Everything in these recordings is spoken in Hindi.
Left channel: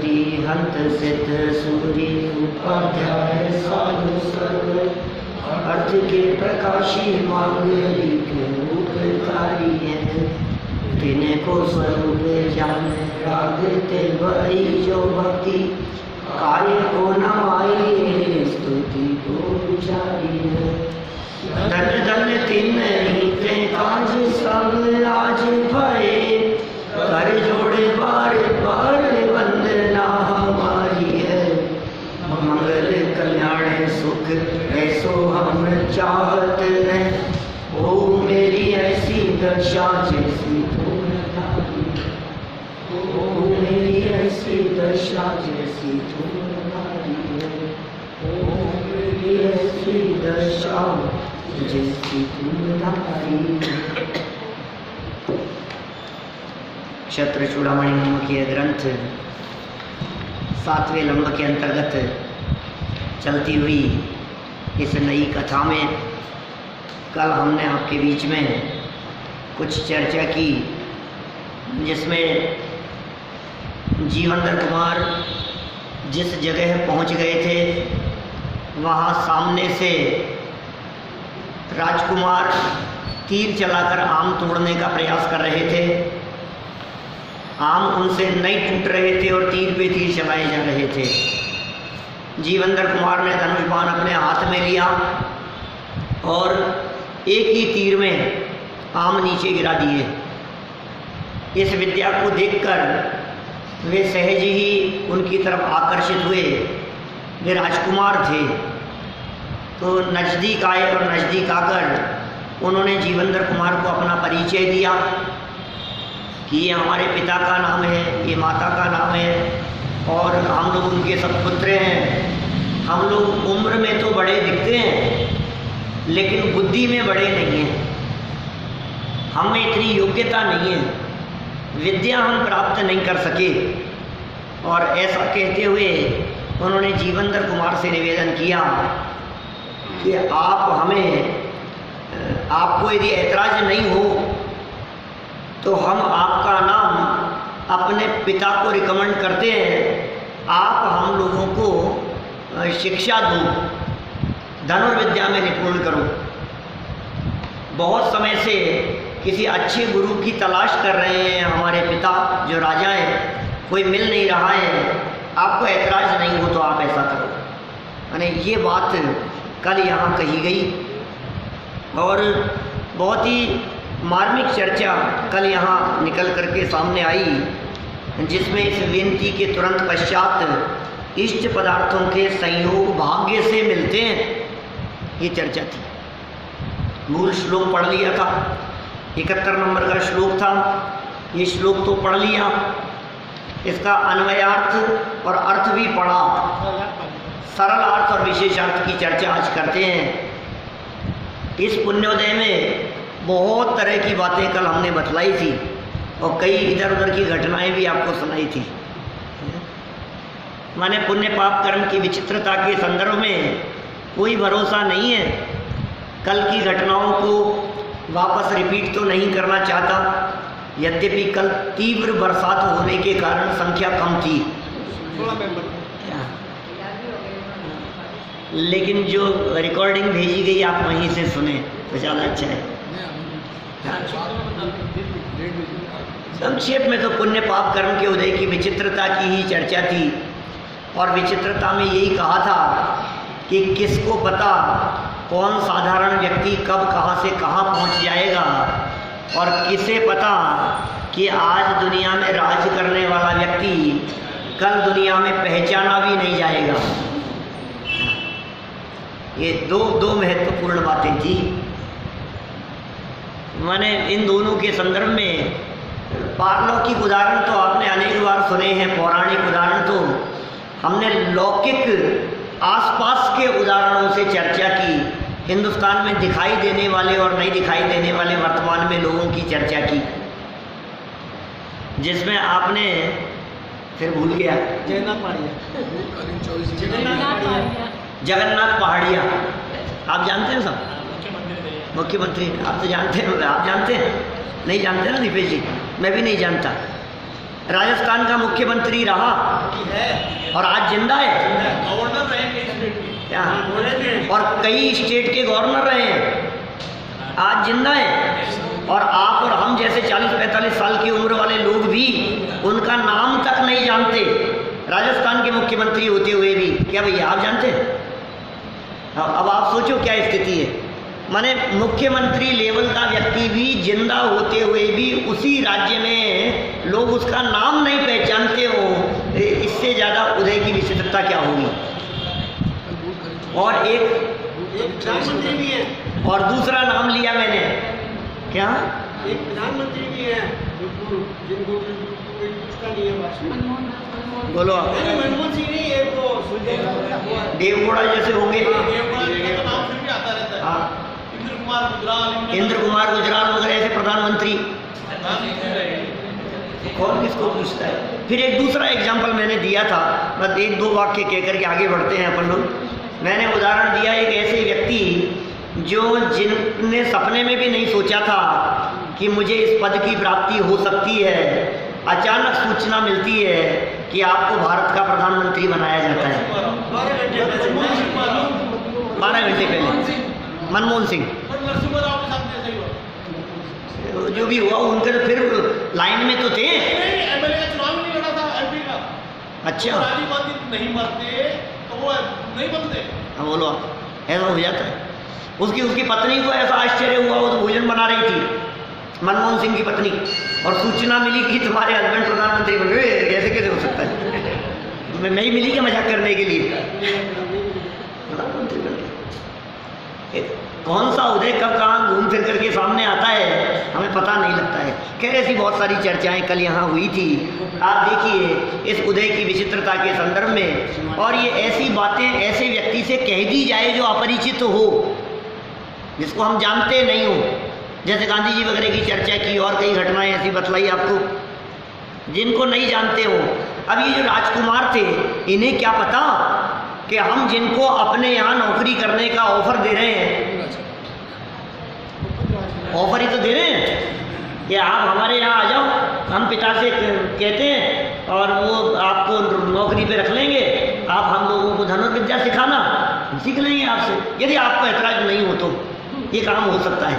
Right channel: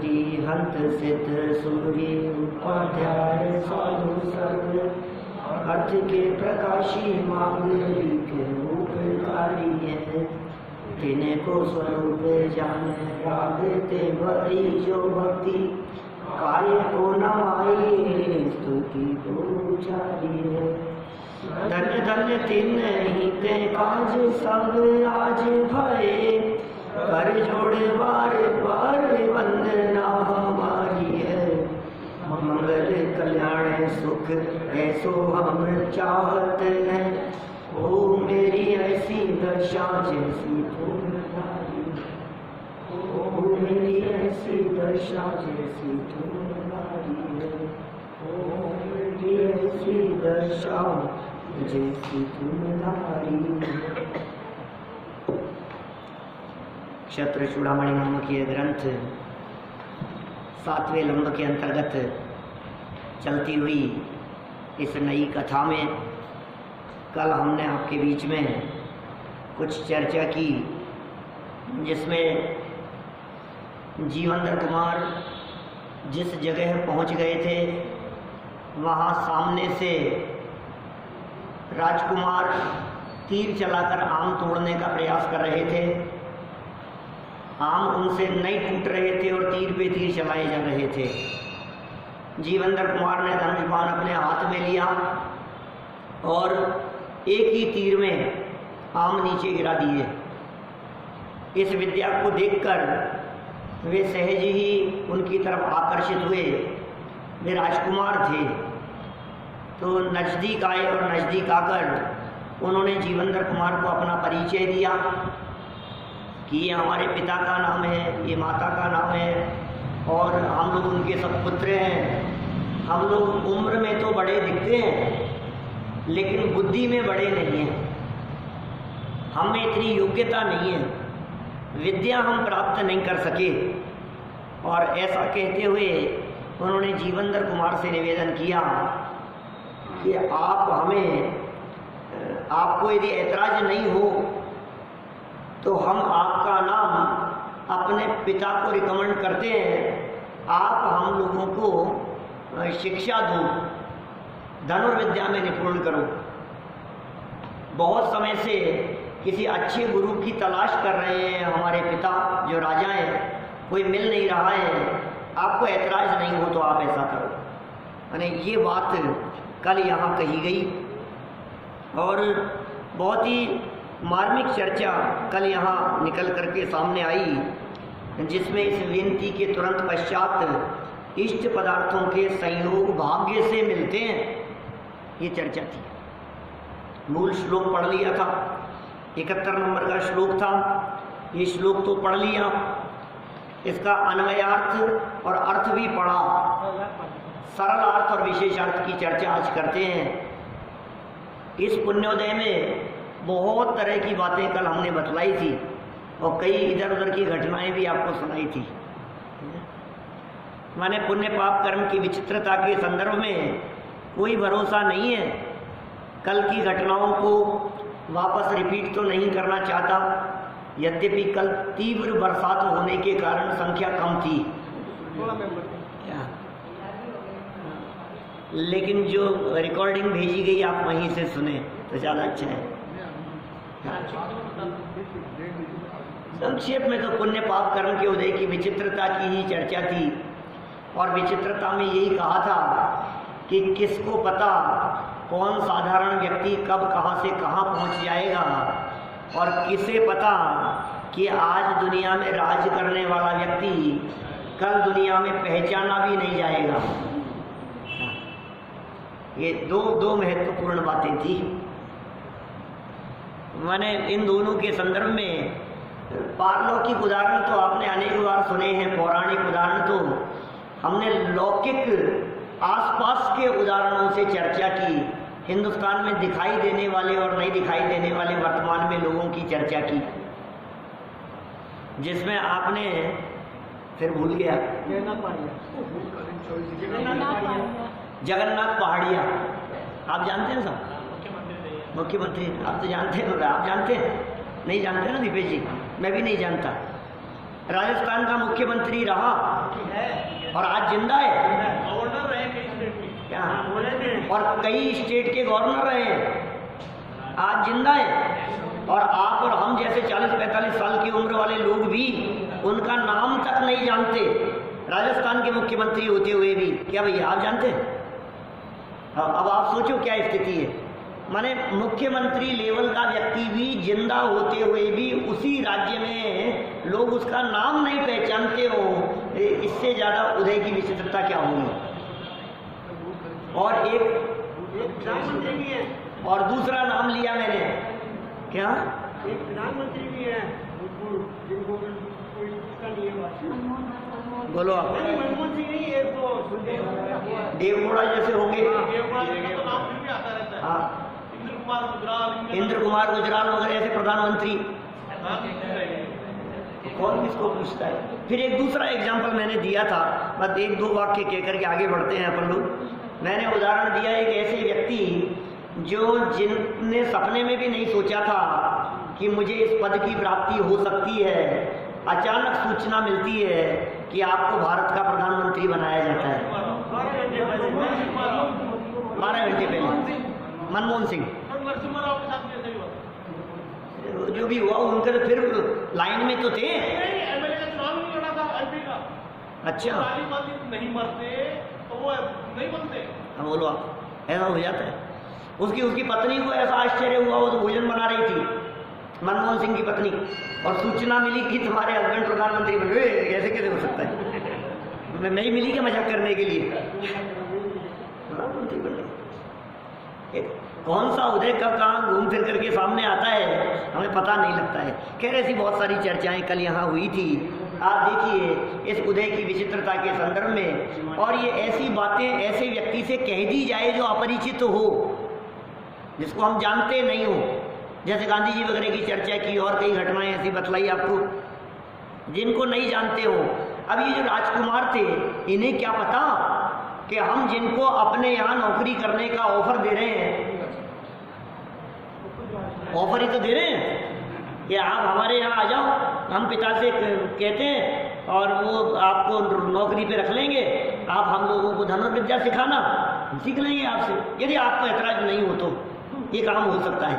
सरस्वती हंत सिद्ध सूर्य उपाध्याय साधु सर्व अर्थ के प्रकाशी मांगलिक उपकारी है। तिनको स्वरूप जान रागते वही जो भक्ति कार्य को नमाई स्तुति को उचारी है। धन्य धन्य तिन ही ते काज सब आज भये कर जोड़े बार बार वंदना हमारी है। मंगल कल्याण सुख ऐसो हम चाहते हैं। ओ मेरी ऐसी दशा जैसी तुम धारी, ओ मेरी ऐसी दशा जैसी तुम धारी है। ओ मेरी ऐसी दशा जैसी तुम धारी है। क्षत्र चूड़ामणि नामक यह ग्रंथ 7वें लंब के अंतर्गत चलती हुई इस नई कथा में कल हमने आपके बीच में कुछ चर्चा की, जिसमें जीवंदर कुमार जिस जगह पहुंच गए थे वहां सामने से राजकुमार तीर चलाकर आम तोड़ने का प्रयास कर रहे थे। आम उनसे नहीं टूट रहे थे और तीर पे तीर चलाए जा रहे थे। जीवंदर कुमार ने धनुष बाण अपने हाथ में लिया और एक ही तीर में आम नीचे गिरा दिए। इस विद्या को देखकर वे सहज ही उनकी तरफ आकर्षित हुए। वे राजकुमार थे तो नज़दीक आए और नज़दीक आकर उन्होंने जीवंदर कुमार को अपना परिचय दिया कि ये हमारे पिता का नाम है, ये माता का नाम है और हम लोग उनके सत्पुत्र हैं। हम लोग उम्र में तो बड़े दिखते हैं लेकिन बुद्धि में बड़े नहीं हैं। हम में इतनी योग्यता नहीं है, विद्या हम प्राप्त नहीं कर सके। और ऐसा कहते हुए उन्होंने जीवंदर कुमार से निवेदन किया कि आप हमें, आपको यदि ऐतराज नहीं हो तो हम आपका नाम अपने पिता को रिकमेंड करते हैं। आप हम लोगों को शिक्षा दो, धनुर्विद्या में निपुण करो। बहुत समय से किसी अच्छे गुरु की तलाश कर रहे हैं हमारे पिता जो राजा हैं, कोई मिल नहीं रहा है। आपको ऐतराज नहीं हो तो आप ऐसा करो। यानी ये बात कल यहाँ कही गई और बहुत ही मार्मिक चर्चा कल यहाँ निकल करके सामने आई, जिसमें इस विनती के तुरंत पश्चात इष्ट पदार्थों के संयोग भाग्य से मिलते हैं, ये चर्चा थी। मूल श्लोक पढ़ लिया था, 71 नंबर का श्लोक था। ये श्लोक तो पढ़ लिया, इसका अन्वयार्थ और अर्थ भी पढ़ा। सरल अर्थ और विशेषार्थ की चर्चा आज करते हैं। इस पुण्योदय में बहुत तरह की बातें कल हमने बतलाई थी और कई इधर उधर की घटनाएं भी आपको सुनाई थी। माने पुण्य पाप कर्म की विचित्रता के संदर्भ में कोई भरोसा नहीं है। कल की घटनाओं को वापस रिपीट तो नहीं करना चाहता, यद्यपि कल तीव्र बरसात होने के कारण संख्या कम थी, लेकिन जो रिकॉर्डिंग भेजी गई आप वहीं से सुने तो ज़्यादा अच्छा है। संक्षेप में तो पुण्य पाप कर्म के उदय की विचित्रता की ही चर्चा थी और विचित्रता में यही कहा था कि किसको पता कौन साधारण व्यक्ति कब कहाँ से कहाँ पहुँच जाएगा और किसे पता कि आज दुनिया में राज करने वाला व्यक्ति कल दुनिया में पहचाना भी नहीं जाएगा। ये दो महत्वपूर्ण बातें थी। मैंने इन दोनों के संदर्भ में पारलौकिक उदाहरण तो आपने अनेक बार सुने हैं, पौराणिक उदाहरण तो हमने लौकिक आसपास के उदाहरणों से चर्चा की। हिंदुस्तान में दिखाई देने वाले और नहीं दिखाई देने वाले वर्तमान में लोगों की चर्चा की, जिसमें आपने फिर भूल गया जगन्नाथ पहाड़िया, आप जानते हैं सब, मुख्यमंत्री आप तो जानते हैं, आप जानते हैं, नहीं जानते ना दीपेश जी, मैं भी नहीं जानता। राजस्थान का मुख्यमंत्री रहा और आज जिंदा है गवर्नर रहे क्या, और कई स्टेट के गवर्नर रहे हैं, आज जिंदा है। और आप और हम जैसे 40-45 साल की उम्र वाले लोग भी उनका नाम तक नहीं जानते, राजस्थान के मुख्यमंत्री होते हुए भी। क्या भैया आप जानते हैं? अब आप सोचो क्या स्थिति है। माने मुख्यमंत्री लेवल का व्यक्ति भी जिंदा होते हुए भी उसी राज्य में लोग उसका नाम नहीं पहचानते हो, इससे ज़्यादा उदय की विचित्रता क्या होगी। और एक प्रधानमंत्री भी है, और दूसरा नाम लिया मैंने, क्या एक प्रधानमंत्री भी है जिनको कोई पूछता नहीं है। बोलो आप। मनमोहन सिंह नहीं, एक वो देवगौड़ा जैसे होंगे, नाम फिर भी आता रहता है। हाँ, इंद्र कुमार गुजराल वगैरह ऐसे प्रधानमंत्री, कौन किसको पूछता है। फिर एक दूसरा एग्जाम्पल मैंने दिया था, बस 1-2 वाक्य कह करके आगे बढ़ते हैं अपन लोग। मैंने उदाहरण दिया एक ऐसे व्यक्ति जो जिनने सपने में भी नहीं सोचा था कि मुझे इस पद की प्राप्ति हो सकती है, अचानक सूचना मिलती है कि आपको भारत का प्रधानमंत्री बनाया जाता है। 12 घंटे पहले मनमोहन सिंह जो भी हुआ, उनके तो फिर लाइन में तो थे। अच्छा नहीं मरते तो वो नहीं बनते। हाँ बोलो आप, ऐसा हो जाता है। उसकी पत्नी को ऐसा आश्चर्य हुआ, वो तो भोजन बना रही थी, मनमोहन सिंह की पत्नी, और सूचना मिली कि तुम्हारे हस्बैंड प्रधानमंत्री बन गए। कैसे कैसे हो सकता है? मैं ही मिली क्या मजाक करने के लिए? प्रधानमंत्री बन गए। कौन सा उदय कब कहाँ घूम फिर करके सामने आता है हमें पता नहीं लगता है। खैर ऐसी बहुत सारी चर्चाएं कल यहाँ हुई थी। आप देखिए इस उदय की विचित्रता के संदर्भ में, और ये ऐसी बातें ऐसे व्यक्ति से कह दी जाए जो अपरिचित हो, जिसको हम जानते नहीं हो, जैसे गांधी जी वगैरह की चर्चा की और कई घटनाएं ऐसी बतलाई आपको, जिनको नहीं जानते हो। अब ये जो राजकुमार थे, इन्हें क्या पता कि हम जिनको अपने यहाँ नौकरी करने का ऑफर दे रहे हैं, ऑफर ही तो दे रहे हैं कि आप हमारे यहाँ आ जाओ, हम पिता से कहते हैं और वो आपको नौकरी पे रख लेंगे, आप हम लोगों को धनुर्विद्या सिखाना, सीख लेंगे आपसे, यदि आपको ऐतराज नहीं हो तो ये काम हो सकता है।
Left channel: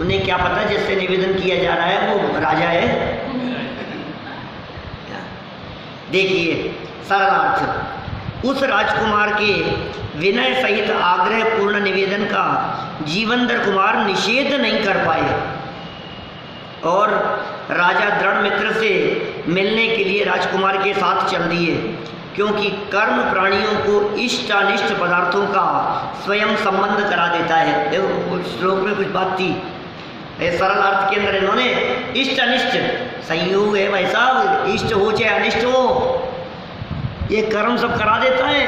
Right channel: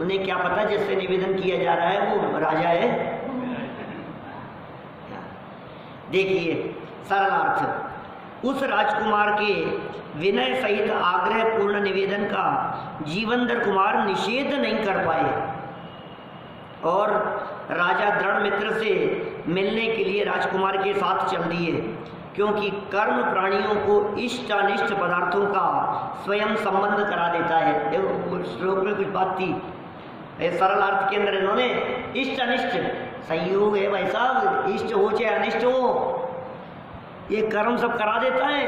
उन्हें क्या पता जिससे निवेदन किया जा रहा है वो राजा है। देखिए सरल अर्थ, उस राजकुमार के विनय सहित आग्रह पूर्ण निवेदन का जीवंदर कुमार निषेध नहीं कर पाए और राजा दृढ़ मित्र से मिलने के लिए राजकुमार के साथ चल दिए, क्योंकि कर्म प्राणियों को इष्ट अनिष्ट पदार्थों का स्वयं संबंध करा देता है। देखो श्लोक में कुछ बात थी, सरल अर्थ के अंदर इन्होंने इष्ट अनिष्ट संयोग है भाई साहब, इष्ट हो चाहे अनिष्ट हो, ये कर्म सब करा देता है।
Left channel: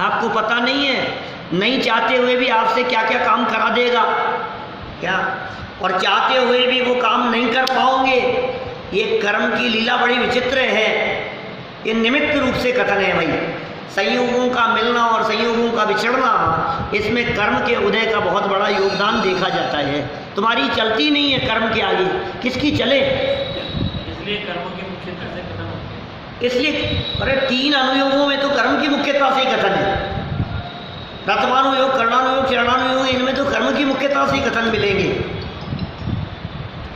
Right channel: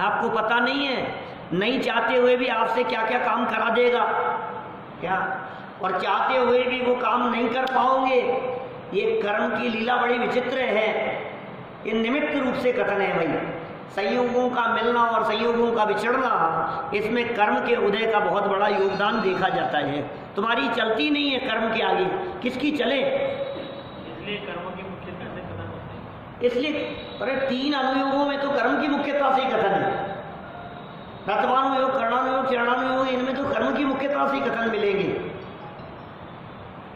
आपको पता नहीं है, नहीं चाहते हुए भी आपसे क्या क्या काम करा देगा क्या, और चाहते हुए भी वो काम नहीं कर पाओगे। ये कर्म की लीला बड़ी विचित्र है। ये निमित्त रूप से कथन है भाई, संयोगों का मिलना और संयोगों का बिछड़ना, इसमें कर्म के उदय का बहुत बड़ा योगदान देखा जाता है। तुम्हारी चलती नहीं है कर्म के आगे, किसकी चले? इसलिए कर्मों की मुख्यता से कथन होते हैं। इसलिए अरे 3 अनुयोगों में तो कर्म की मुख्यता से ही कथन है। रथमानुयोग, कर्णानुयोग, चरणानुयोग, इनमें तो कर्म की मुख्यता से ही कथन मिलेंगे।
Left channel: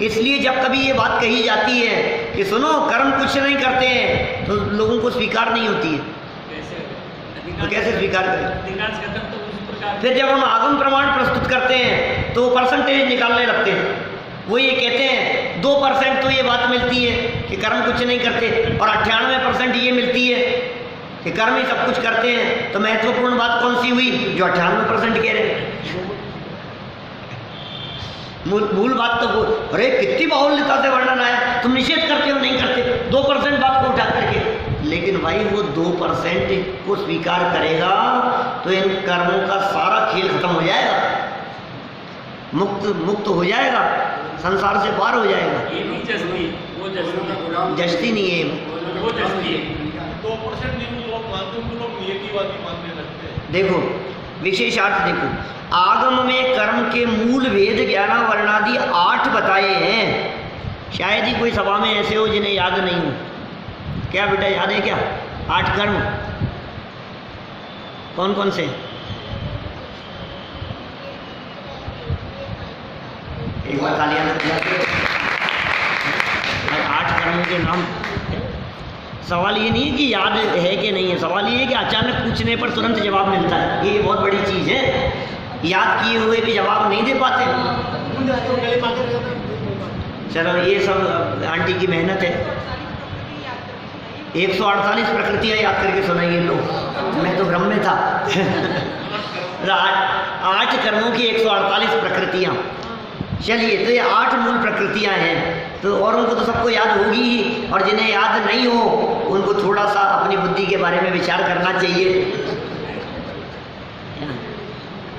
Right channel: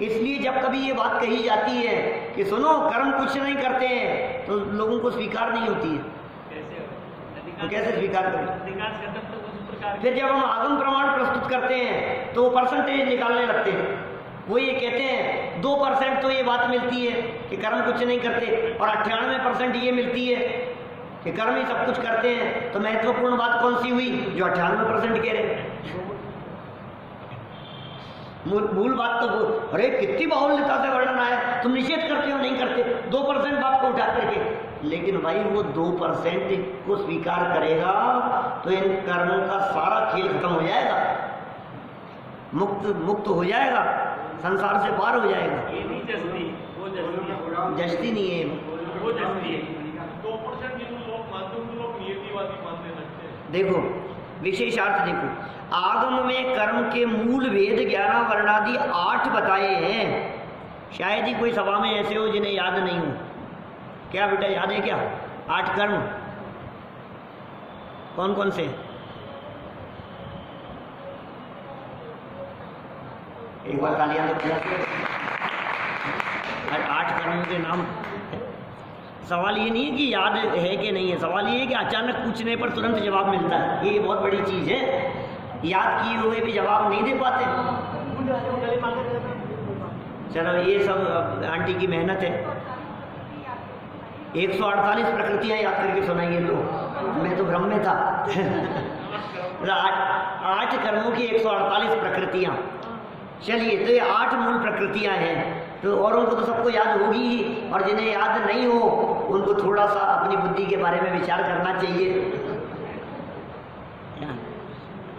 इसलिए जब कभी ये बात कही जाती है कि सुनो कर्म कुछ नहीं करते हैं, तो लोगों को स्वीकार नहीं होती है। तो कैसे स्वीकार करें? फिर जब हम आगम प्रमाण प्रस्तुत करते हैं तो परसेंटेज निकालने लगते हैं। वो ये कहते हैं 2% तो ये बात मिलती है कि कर्म कुछ नहीं करते, और 98% ये मिलती है कि कर्म ही सब कुछ करते हैं। तो महत्वपूर्ण बात कौन सी हुई? जो 98% कह रहे हैं। मूल बात तो वो, अरे कितनी बाहुल्यता से वर्णन आया, तुम निषेध करते हो नहीं करते 2% बात को उठा करके। लेकिन भाई वो 2% को स्वीकार करेगा तो इन कर्मों का सारा खेल खत्म हो जाएगा, मुक्त हो जाएगा, संसार से पार हो जाएगा। ये भी जस्ती, वो जस्ती, जस्ती नहीं है, वो जस्ती है। 2% नहीं लोग मानते, उनको लोग नियतिवादी मानने लगते हैं। देखो विशेषार्थ देखो, आगम में कर्म के मूल भेद 11 वर्णादि 8 बताए हैं। शायद ही कोई सभा में ऐसे हो जिन्हें याद नहीं हो। क्या बेटा याद है क्या? 8 कर्म कौन कौन से? एक बार तालियां दो। 8 कर्मों के नाम। सवाल ये नहीं है कि याद है कि नहीं है, सवाल ये है कि अचानक पूछने पर तुरंत जवाब मिलता है। ये बहुत बड़ी चीज़ है। याद किए हुए भी जवाब नहीं दे पाते। चलो ये सब आंटी की मेहनत है। 148 प्रकृतियाँ याद करके सुनाइए लोग, मैं तो भ्रम में था। 8 कर्मों की 148 प्रकृतियाँ। चलिए, तो ये 8 मूल प्रकृतियाँ हैं, तो और उनको तो सबको याद होगी ही, और जिन्हें याद नहीं हो उनको थोड़ा सा अपनी बुद्धि के बारे में विचार करना चाहिए।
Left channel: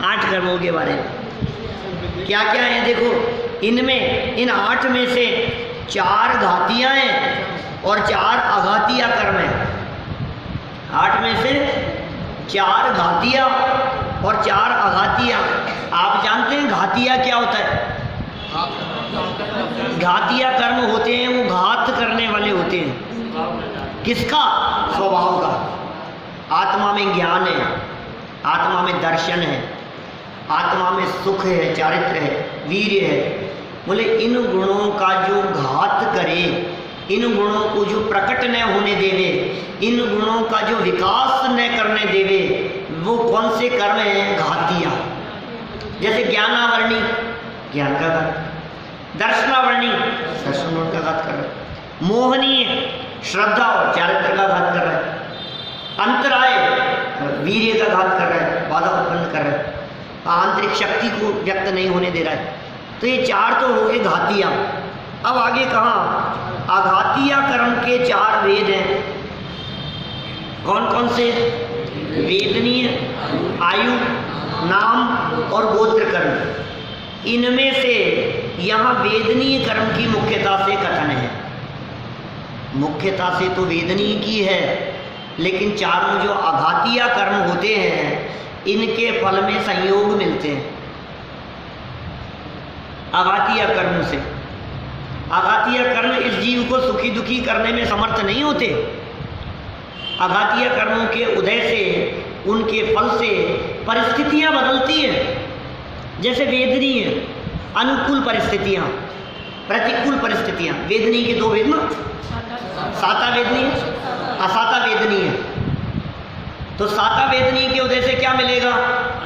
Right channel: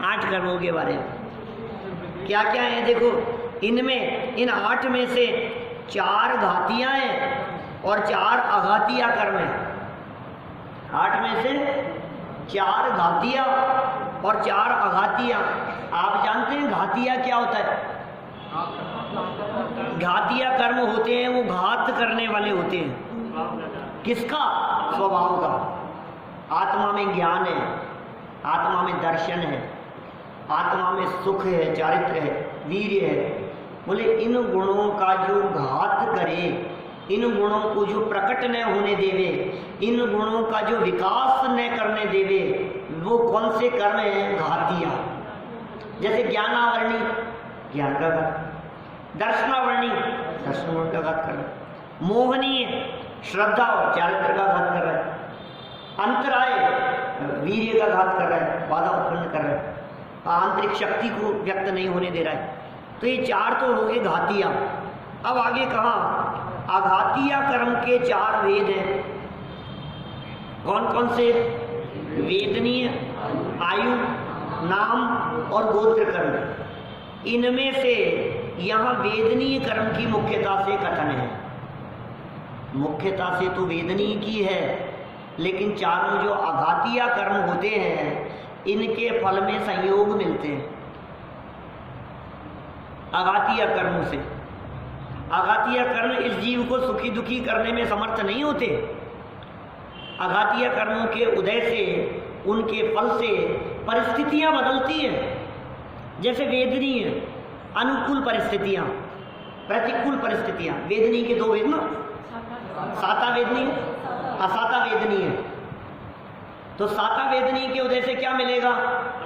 8 कर्मों के बारे में क्या क्या है देखो। इनमें, इन 8 में से 4 घातियाँ हैं और 4 अघातिया कर्म हैं। 8 में से 4 घातिया और 4 अघातिया। आप जानते हैं घातिया क्या होता है? घातिया कर्म होते हैं वो घात करने वाले होते हैं। किसका? स्वभाव का। आत्मा में ज्ञान है, आत्मा में दर्शन है, आत्मा में सुख है, चारित्र है, वीर्य है। बोले इन गुणों का जो घात करे, इन गुणों को जो प्रकट न होने देवे, इन गुणों का जो विकास न करने देवे, वो कौन से कर्म हैं? घातिया। जैसे ज्ञानावरणी, ज्ञान का घात। दर्शनावरणी, दर्शन गुण का घात कर रहा है। मोहनीय, श्रद्धा और चारित्र का घात कर रहा है। अंतराय, वीर्य का घात कर रहा है, बाधा उत्पन्न कर रहा है, आंतरिक शक्ति को व्यक्त नहीं होने दे रहा है। तो ये 4 तो हो गए घातियाँ। अब आगे कहाँ? अघातिया कर्म के 4 वेद हैं। कौन कौन से? वेदनीय, आयु, नाम और गोत्र कर्म। इनमें से यहाँ वेदनीय कर्म की मुख्यता से कथन है। मुख्यता से तो वेदनीय की है, लेकिन चारों जो अघातिया कर्म होते हैं इनके फल में संयोग मिलते हैं अघातिया कर्मों से। अघातिया कर्म इस जीव को सुखी दुखी करने में समर्थ नहीं होते। अघातिया कर्मों के उदय से, उनके फल से परिस्थितियां बदलती हैं। जैसे वेदनीय अनुकूल परिस्थितियां, प्रतिकूल परिस्थितियां। वेदनीय के 2 वेद ना, साता वेदनीय, असाता वेदनीय। तो साता वेदनीय के उदय से क्या मिलेगा?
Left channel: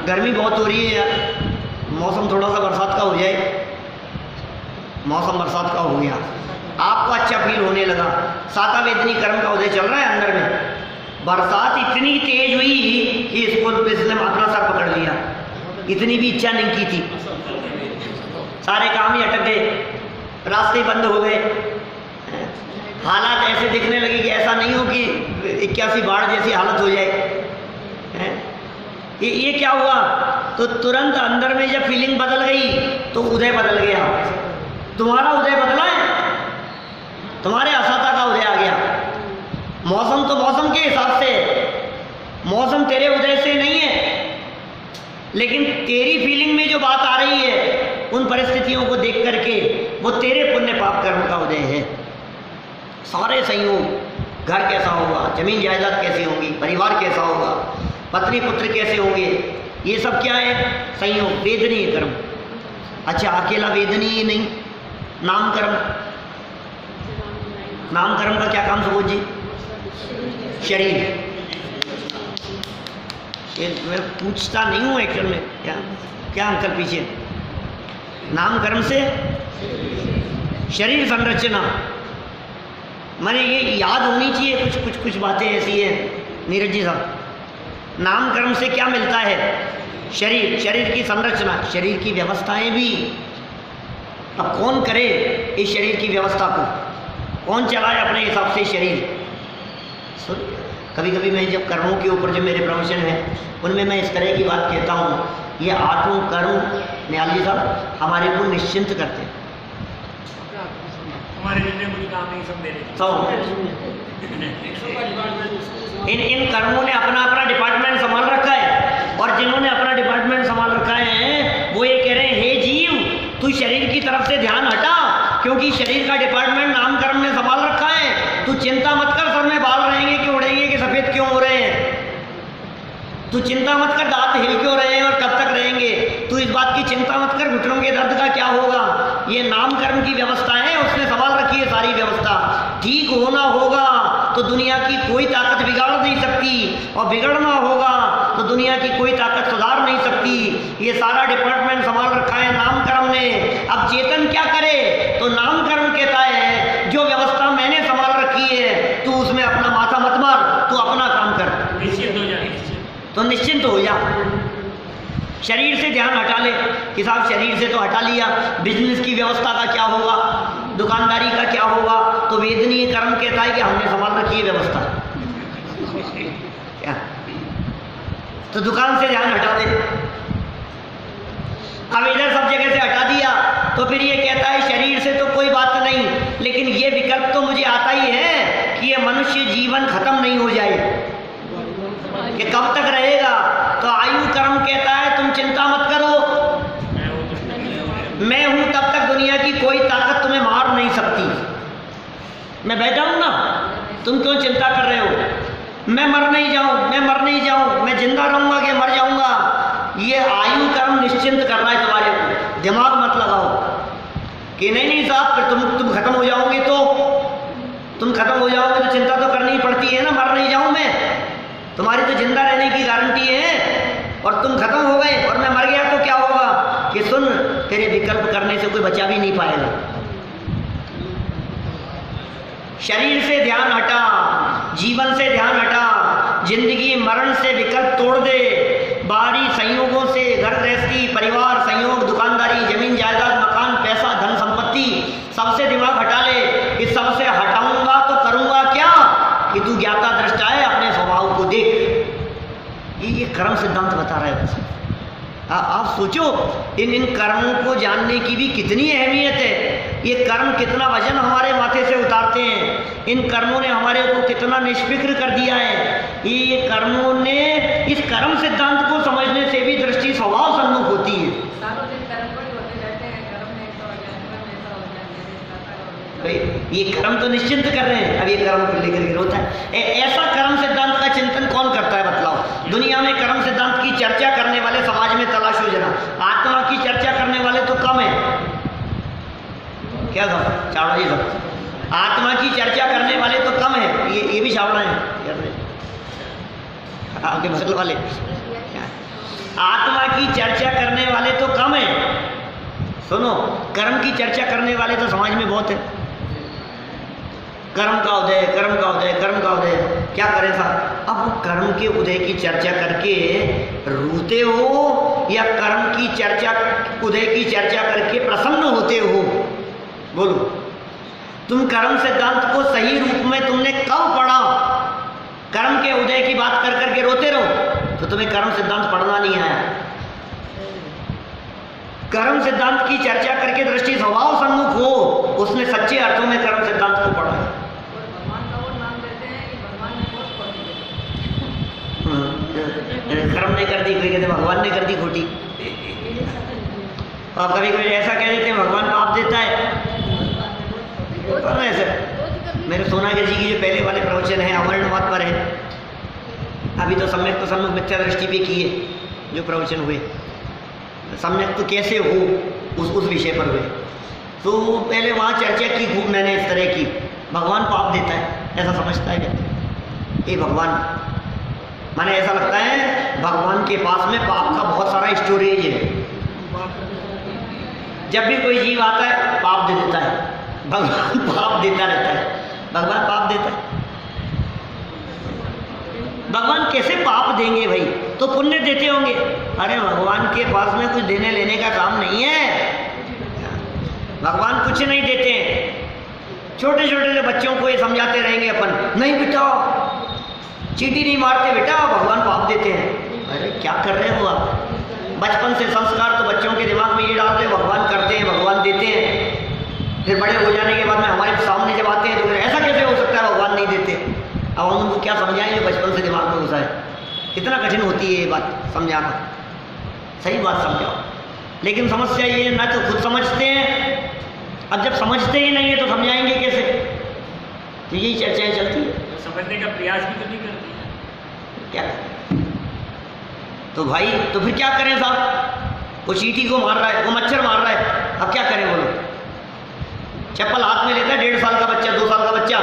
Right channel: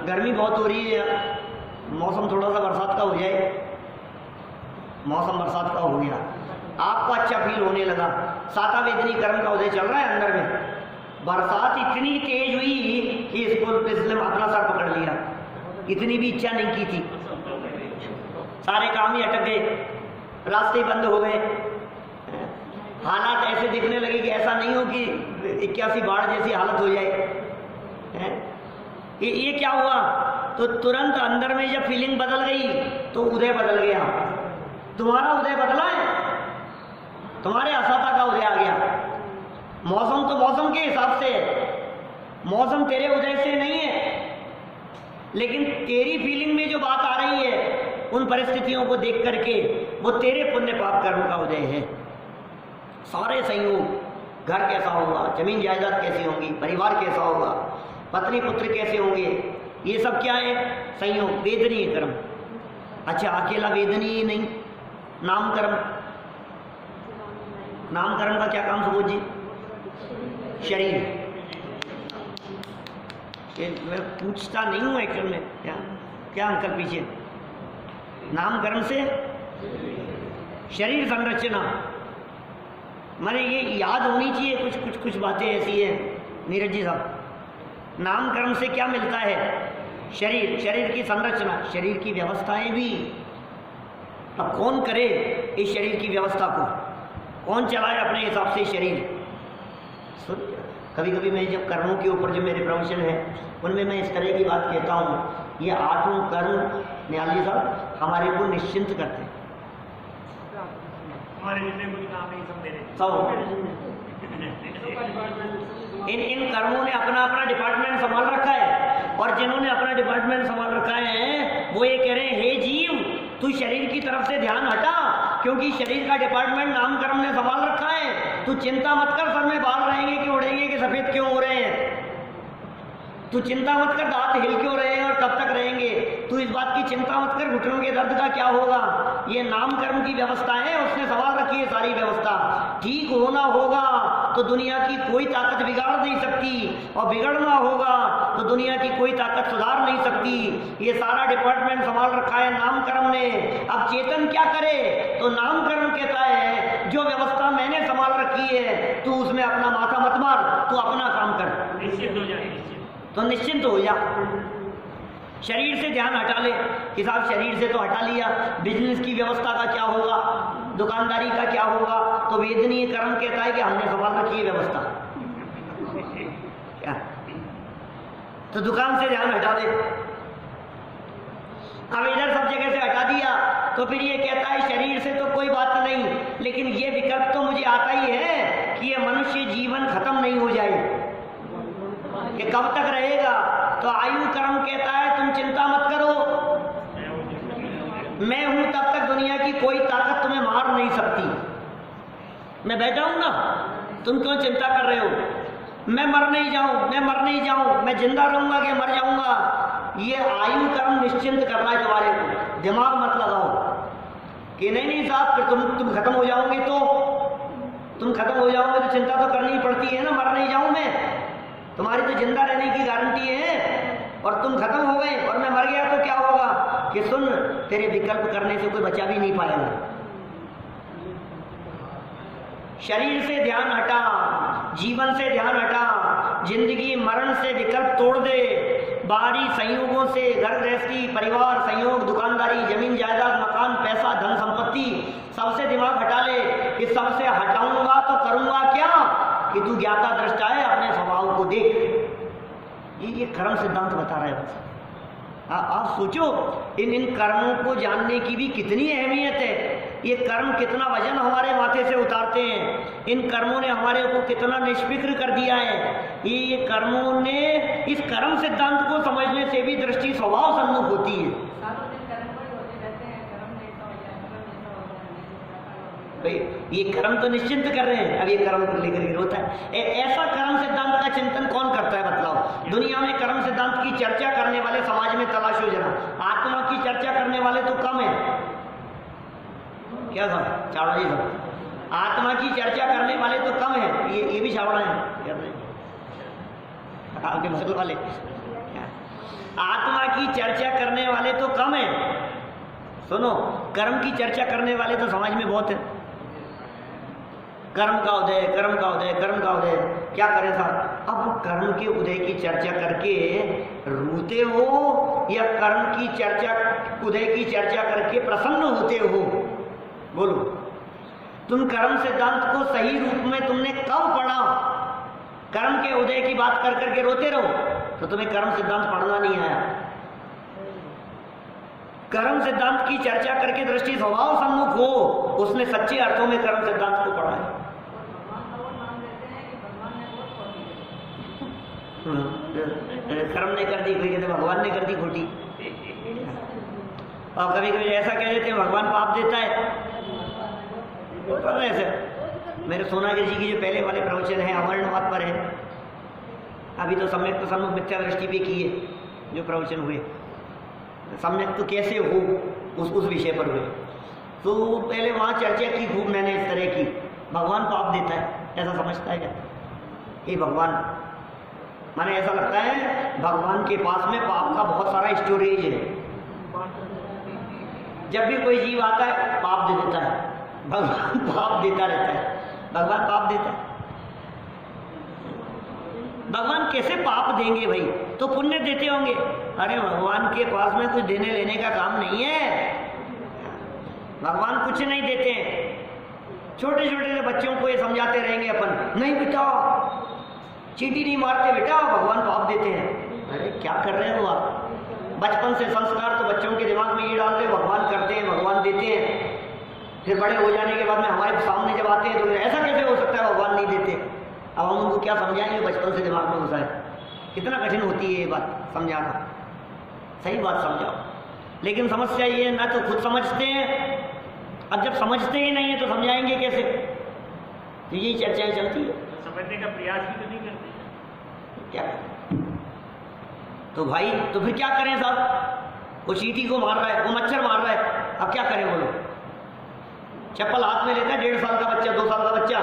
गर्मी बहुत हो रही है यार, मौसम थोड़ा सा बरसात का हो जाए। मौसम बरसात का हो गया, आपको अच्छा फील होने लगा। साता वेदनी कर्म का उदय चल रहा है अंदर में। बरसात इतनी तेज हुई कि इसने अपना सर पकड़ लिया, इतनी भी इच्छा नहीं की थी। सारे काम ही अटक गए, रास्ते बंद हो गए, हालात ऐसे दिखने लगे कि ऐसा नहीं हो कि 81 बाढ़ जैसी हालत हो जाए। ये क्या हुआ? तो तुरंत अंदर में जब फीलिंग बदल गई तो उदय बदल गया। तुम्हारा उदय बदला है, तुम्हारे असाता का उदय आ गया। मौसम तो मौसम के हिसाब से, मौसम तेरे उदय से नहीं है, लेकिन तेरी फीलिंग में जो बात आ रही है उन परिस्थितियों को देख करके वो तेरे पुण्य पाप कर्म का उदय है। सारे संयोग, घर कैसा होगा, जमीन जायदाद कैसी होंगी, परिवार कैसा होगा, पत्नी पुत्र कैसे होंगे, ये सब क्या है? संयोग, वेदनीय कर्म। अच्छा, अकेला वेदनीय नहीं, नाम कर्म। नाम कर्म का क्या काम सुबोध जी? शरीर। ये मैं पूछता नहीं हूँ एक्चुअल में, क्या क्या अंकल पीछे? नाम कर्म से शरीर संरचना, माने ये याद होनी चाहिए। कुछ बातें ऐसी है नीरज जी साहब। नाम कर्म से क्या मिलता है? शरीर, शरीर की संरचना, शरीर की व्यवस्थाएं भी। अब कौन करे इस शरीर की व्यवस्था को? कौन चलाए अपने हिसाब से शरीर? कभी कभी मैं जब कर्मों के ऊपर जो मेरे प्रवचन है उनमें मैं इस तरह की बात कहता हूँ, ये 8 कर्म निहाल जी साहब हमारे को निश्चिंत करते हैं। इन कर्मों ने अपना अपना डिपार्टमेंट संभाल रखा है, और जिन्होंने अपना डिपार्टमेंट संभाल रखा है वो ये कह रहे हैं, हे जीव तू शरीर की तरफ से ध्यान हटा क्योंकि शरीर का डिपार्टमेंट नाम कर्म ने संभाल रखा है। तू चिंता मत कर सर में बाल रहेंगे कि उड़ेंगे कि सफेद क्यों हो रहे हैं। तू चिंता मत कर दांत हिल क्यों रहे हैं और कब तक रहेंगे। तू इस बात की चिंता मत कर घुटनों के दर्द का क्या होगा। ये नाम कर्म की व्यवस्था है, उसने संभाल रखी है सारी व्यवस्था। ठीक होना होगा तो दुनिया की कोई ताकत बिगाड़ नहीं सकती, और बिगड़ना होगा तो दुनिया की कोई ताकत सुधार नहीं सकती। ये सारा डिपार्टमेंट संभाल रखा है नाम कर्म ने। अब चेतन क्या करे, तो नाम कर्म कहता है जो व्यवस्था मैंने संभाल रखी है तू उसमें अपना माथा मत मार, तू अपना काम कर, तो निश्चिंत हो जा। शरीर से ध्यान हटा ले कि साहब शरीर से तो हटा लिया, बिजनेस की व्यवस्था का क्या होगा, दुकानदारी का क्या होगा, तो वेदनीय कर्म कहता है कि हमने संभाल रखी है व्यवस्था। क्या तो दुकान से ध्यान हटा दे। अब इधर सब जगह से हटा दिया तो फिर ये कहता है शरीर से तो कोई बात नहीं, लेकिन ये विकल्प तो मुझे आता ही है कि ये मनुष्य जीवन खत्म नहीं हो जाए, कि कब तक रहेगा। तो आयु कर्म कहता है तुम चिंता मत करो, मैं हूं तब तक दुनिया की कोई ताकत तुम्हें मार नहीं सकती। मैं बैठा हूं ना, तुम क्यों चिंता कर रहे हो। मैं मर नहीं जाऊं, मैं मर नहीं जाऊं, मैं जिंदा रहूंगा कि मर जाऊंगा। ये आयु कर्म निश्चिंत कर रहा है तुम्हारे को। दिमाग मत लगाओ कि नहीं नहीं साहब फिर तुम खत्म हो जाओगे, तो तुम खत्म हो जाओगे तो चिंता तो करनी पड़ती है ना। मर नहीं जाऊं मैं, तुम्हारी तो जिंदा रहने की गारंटी है, और तुम खत्म हो गए और मैं मर गया तो क्या होगा कि सुन तेरे विकल्प करने से कोई बचा भी नहीं पाएगा। शरीर से ध्यान हटा, जीवन से ध्यान हटा, जिंदगी मरण से विकल्प तोड़ दे। बाहरी संयोगों से घर गृहस्थी, परिवार, संयोग, दुकानदारी, जमीन जायदाद, मकान, पैसा, धन संपत्ति, सबसे दिमाग हटा ले कि सबसे हटाऊंगा तो करूंगा क्या, कि तू ज्ञाता दृष्टा है, अपने स्वभाव को देख। ये कर्म सिद्धांत बता रहा है। आप सोचो इन कर्मों को जानने की भी कितनी अहमियत है। ये कर्म कितना वजन हमारे माथे से उतारते हैं। इन कर्मों ने हमारे को कितना निष्फिक्र कर दिया है। ये कर्मों ने, इस कर्म सिद्धांत को समझने से भी दृष्टि स्वभाव सन्मुख होती है। ये कर्म तो निश्चिंत कर रहे हैं, अब ये कर्म को लेकर के रोता है। ऐसा कर्म सिद्धांत का चिंतन कौन करता है बतलाओ। दुनिया में कर्म सिद्धांत की चर्चा करने वाले समाज में तलाशो जरा। आत्मा की चर्चा करने वाले तो कम है। क्या सब चावड़ा जी, सब आत्मा की चर्चा करने वाले तो कम है। ये भी चावड़ा है आपके बगल वाले। आत्मा की चर्चा करने वाले तो कम है। सुनो, कर्म की चर्चा करने वाले तो समाज में बहुत है। कर्म का उदय, कर्म का उदय, कर्म का उदय, क्या करें साहब। अब वो कर्म के उदय की चर्चा करके रोते हो या कर्म की चर्चा, उदय की चर्चा करके प्रसन्न होते हो। बोलो, तुम कर्म सिद्धांत को सही रूप में तुमने कब पढ़ा। कर्म के उदय की बात कर करके रोते रहो तो तुम्हें कर्म सिद्धांत पढ़ना नहीं आया। कर्म सिद्धांत की चर्चा करके दृष्टि स्वभाव सन्मुख हो, उसने सच्चे अर्थों में कर्म सिद्धांत को पढ़ा है। कर्म ने कर दी, कोई कहते भगवान ने कर दी खोटी, और कभी कभी ऐसा कह देते हैं भगवान पाप देता है। ऐसे मेरे सोनागिरी जी की जो पहले वाले प्रवचन है अमरणावाद पर है। अभी तो सम्यक तो सन्मुख मिथ्या दृष्टि पे किए जो प्रवचन हुए। सम्यक तो कैसे हो उस विषय पर हुए। तो पहले वहाँ चर्चा की खूब मैंने इस तरह की, भगवान पाप देता है ऐसा समझता है क्या। ये भगवान माने ऐसा लगता है भगवान के पास में पाप का बहुत सारा स्टोरेज है। जब भी कोई जीव आता है पाप दे देता है, भगवान पाप देता रहता है। भगवान पाप देता है, भगवान कैसे पाप देंगे भाई, तो पुण्य देते होंगे। अरे भगवान के पास में कुछ देने लेने का काम नहीं है। भगवान कुछ नहीं देते। छोटे छोटे जो बच्चों को ये समझाते रहेंगे अपन, नहीं बेटा चींटी नहीं मारते बेटा, भगवान पाप देते हैं। अरे क्या कर रहे हो आप। बचपन से संस्कार तो बच्चों के दिमाग में ये डालते हैं भगवान करते हैं, भगवान देते हैं। फिर बड़े हो जाने के बाद में हमारे सामने जब आते हैं तो ऐसा कैसे हो सकता है भगवान नहीं देते। अब हम उनको क्या समझाएंगे, बचपन से दिमाग में घुसा है। कितना कठिन होती है ये बात समझाना। सही बात समझाओ, लेकिन समस्या ये है ना तो खुद समझते हैं अब जब समझते ही नहीं है तो समझाएंगे कैसे? तो यही चर्चाएं चलती है। समझने का प्रयास भी तो नहीं करती है। क्या करें? तो भाई तो फिर क्या करें साहब? वो चींटी को मार रहा है, वो मच्छर मार रहा है, अब क्या करें बोलो? चप्पल हाथ में लेता है 1.5 साल का बच्चा, 2 साल का बच्चा,